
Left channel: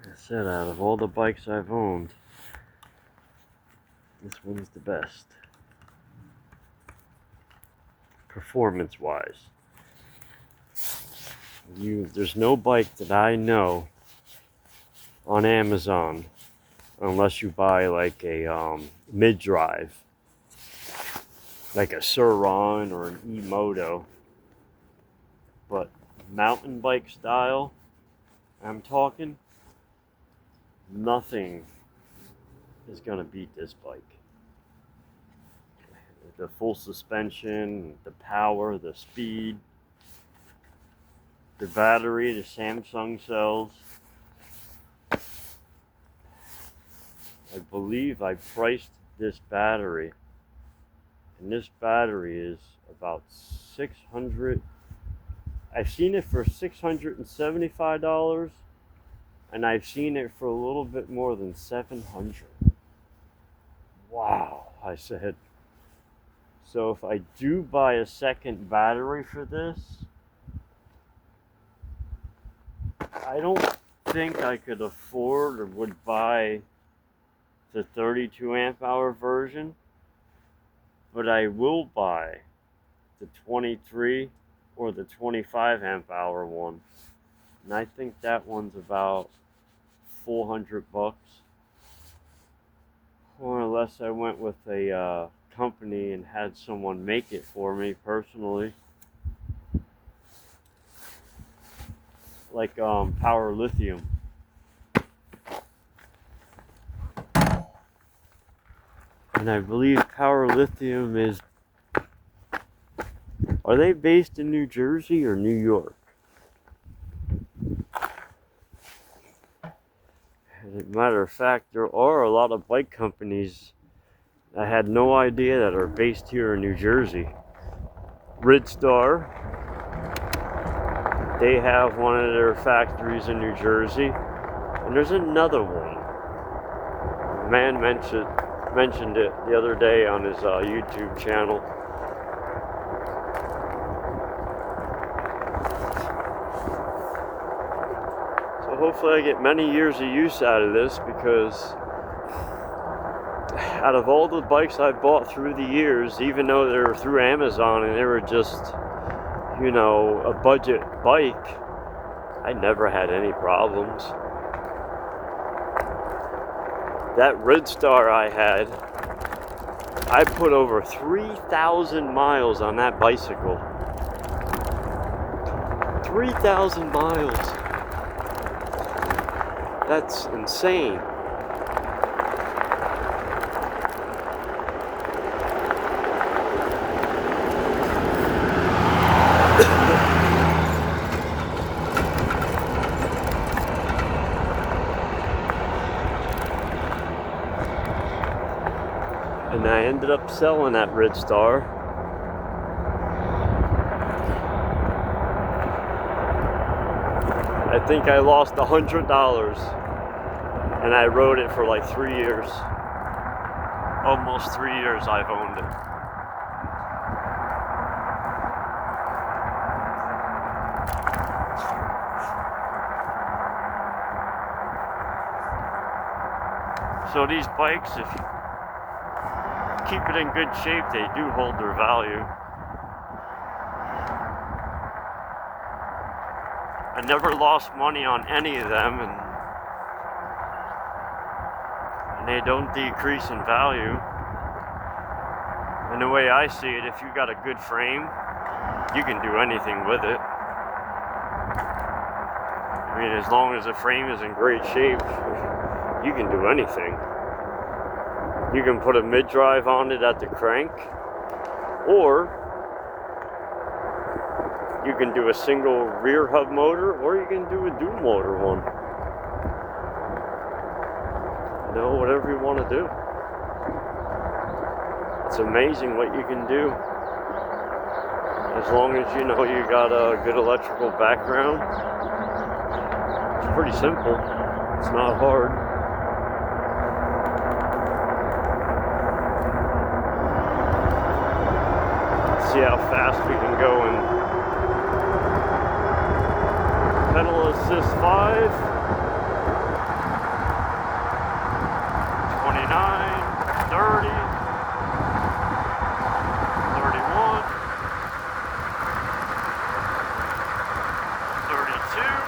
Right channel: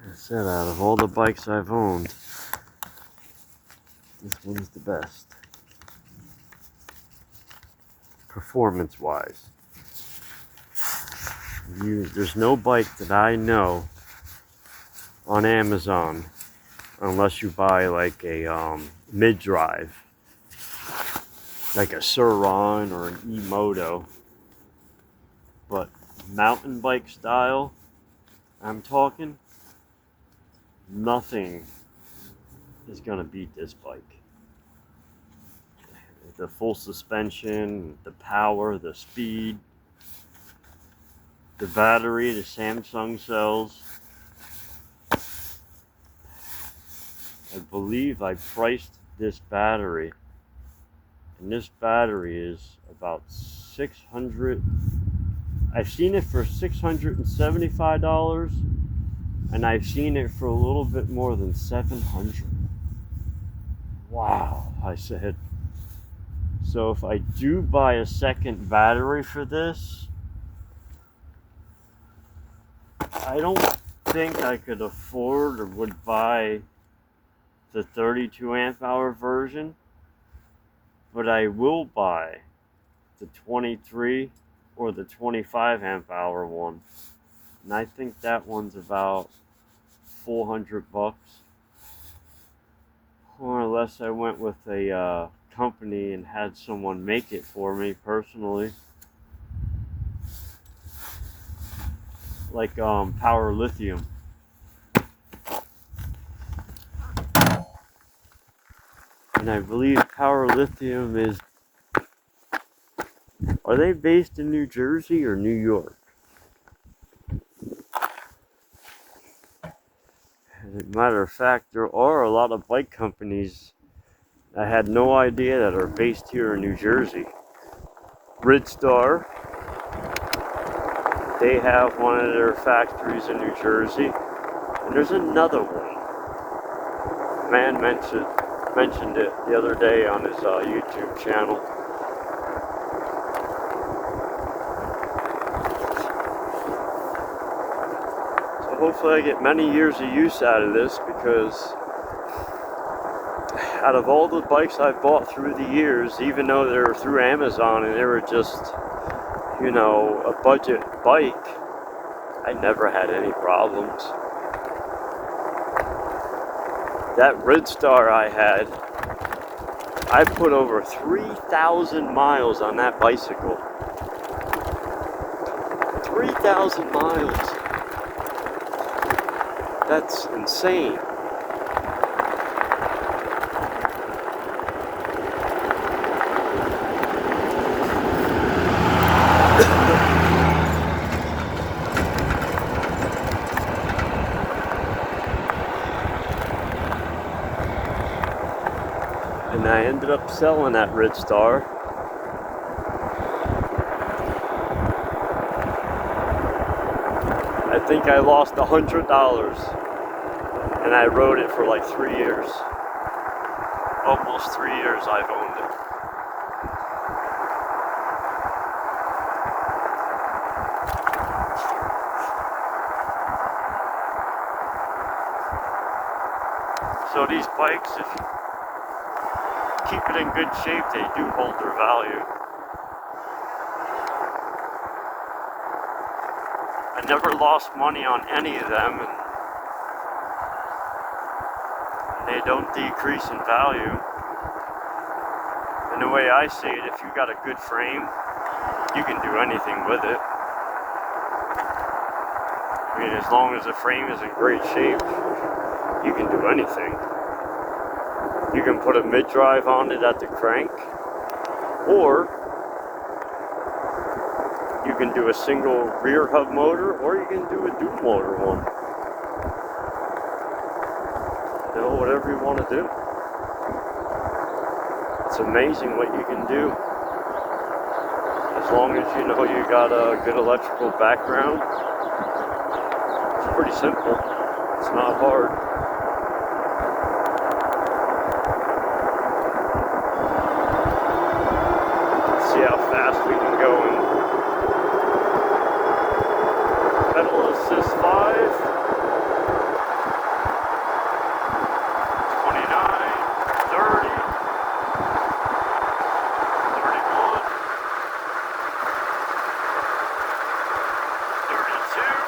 Like I said, out of all the bikes I've owned, this one's the best. Performance wise. There's no bike that I know on Amazon, unless you buy like a mid-drive, like a Sur-Ron or an e-Moto. But mountain bike style, I'm talking, nothing is gonna beat this bike. The full suspension, the power, the speed, the battery, the Samsung cells. I believe I priced this battery, and this battery is about 600. I've seen it for $675, and I've seen it for a little bit more than 700. Wow, I said. So if I do buy a second battery for this, I don't think I could afford or would buy the 32 amp hour version, but I will buy the 23 or the 25 amp hour one. And I think that one's about $400. Or unless I went with a company and had someone make it for me personally. Like Power Lithium. And I believe Power Lithium is... Are they based in New Jersey or New York? As a matter of fact, there are a lot of bike companies I had no idea that are based here in New Jersey. Ridstar, they have one of their factories in New Jersey. And there's another one. Man mentioned it the other day on his YouTube channel. So hopefully I get many years of use out of this, because out of all the bikes I've bought through the years, even though they were through Amazon and they were just, you know, a budget bike, I never had any problems. That Ridstar I had, I put over 3,000 miles on that bicycle. 3,000 miles. That's insane. And I ended up selling that Red Star. I think I lost $100, and I rode it for like 3 years. Almost 3 years I've owned it. So these bikes, if you keep it in good shape, they do hold their value. I never lost money on any of them, and they don't decrease in value. And the way I see it, if you got a good frame, you can do anything with it. I mean, as long as the frame is in great shape, you can do anything. You can put a mid-drive on it at the crank, or you can do a single rear hub motor, or you can do a dual motor one. You know, whatever you want to do. It's amazing what you can do. As long as you know you got a good electrical background. It's pretty simple. It's not hard. See how fast we can go in pedal assist 5, 29, 30, 31, 32.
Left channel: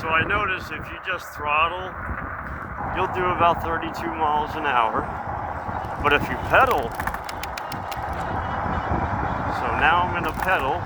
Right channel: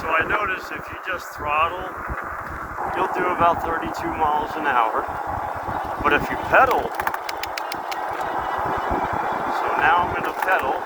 So I notice if you just throttle, you'll do about 32 miles an hour. But if you pedal, so now I'm going to pedal.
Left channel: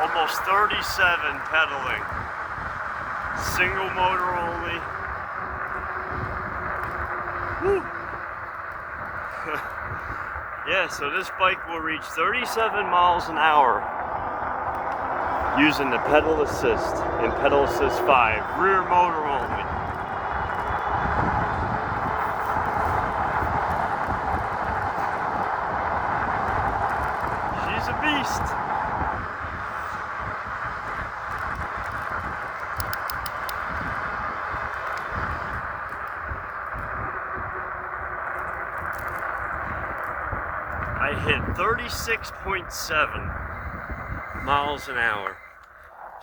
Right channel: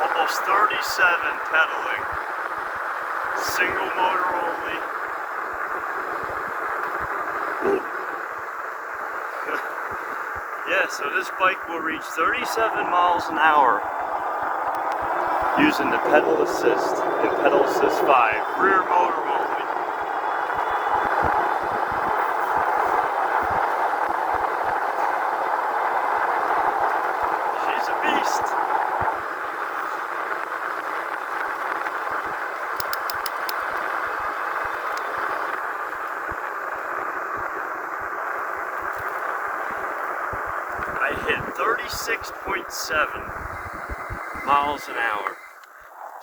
Almost 37 pedaling. Single motor only. Woo. Yeah, so this bike will reach 37 miles an hour using the pedal assist and pedal assist 5, rear motor only. She's a beast. I hit 36.7 miles an hour.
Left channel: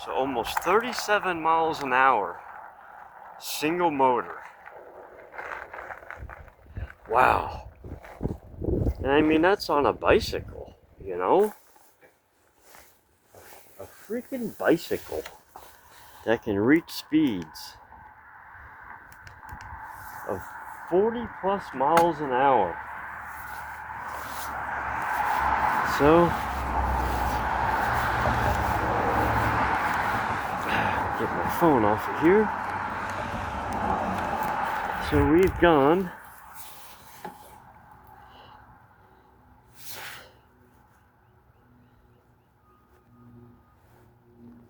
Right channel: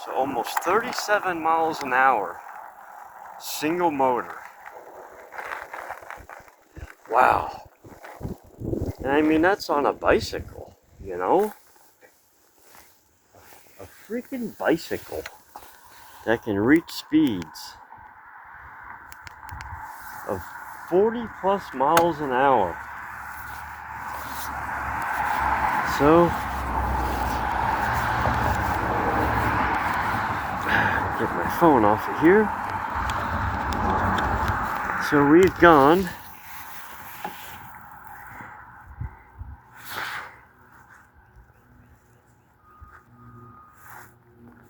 So almost 37 miles an hour. Single motor. Wow. And I mean, that's on a bicycle, you know? A freaking bicycle that can reach speeds of 40 plus miles an hour. So, get my phone off of here. So we've gone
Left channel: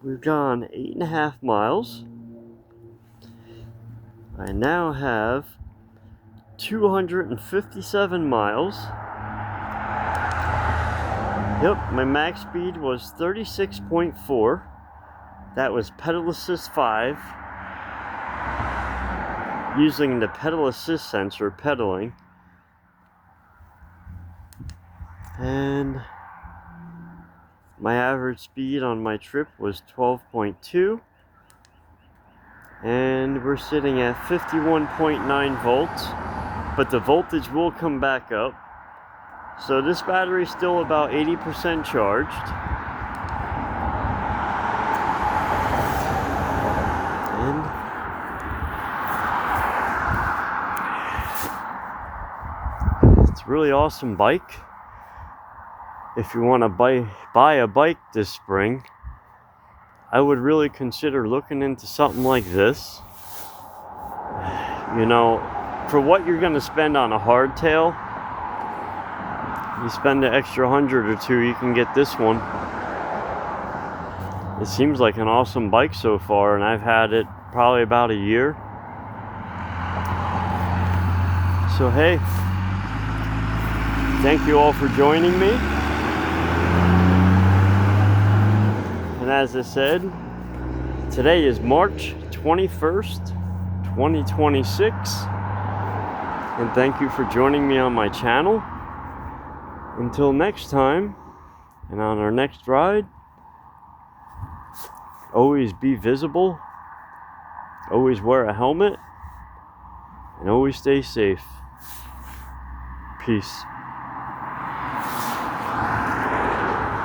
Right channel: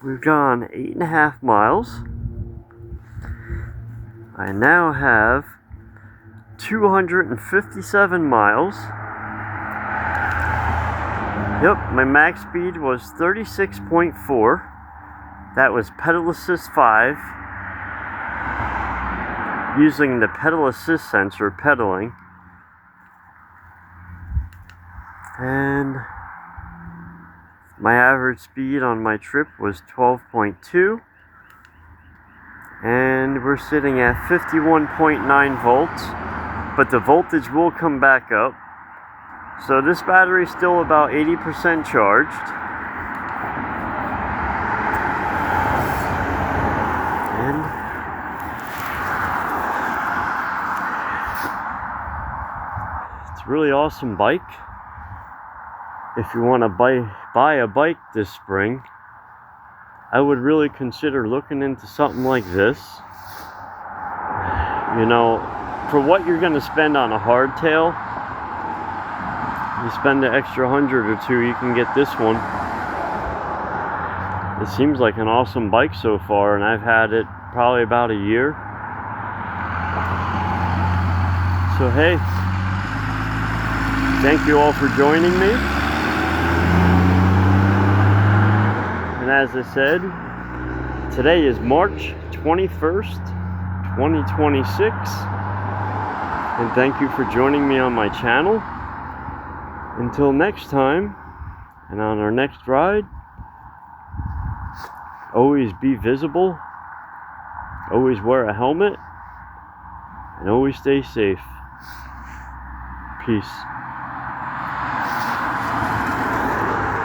we've gone 8.5 miles. I now have 257 miles. Yep, my max speed was 36.4. That was pedal assist 5. Using the pedal assist sensor pedaling. And my average speed on my trip was 12.2. And we're sitting at 51.9 volts. But the voltage will come back up. So this battery is still about 80% charged. And it's a really awesome bike. If you want to buy a bike this spring, I would really consider looking into something like this. You know, for what you're going to spend on a hardtail, you spend an extra 100 or 2, you can get this one. It seems like an awesome bike so far, and I've had it probably about a year. So hey, thank you all for joining me. And as I said, today is March 21st, 2026. And thank you for joining me on my channel. Until next time, and on our next ride, always be visible, always wear a helmet, and always stay safe. Peace.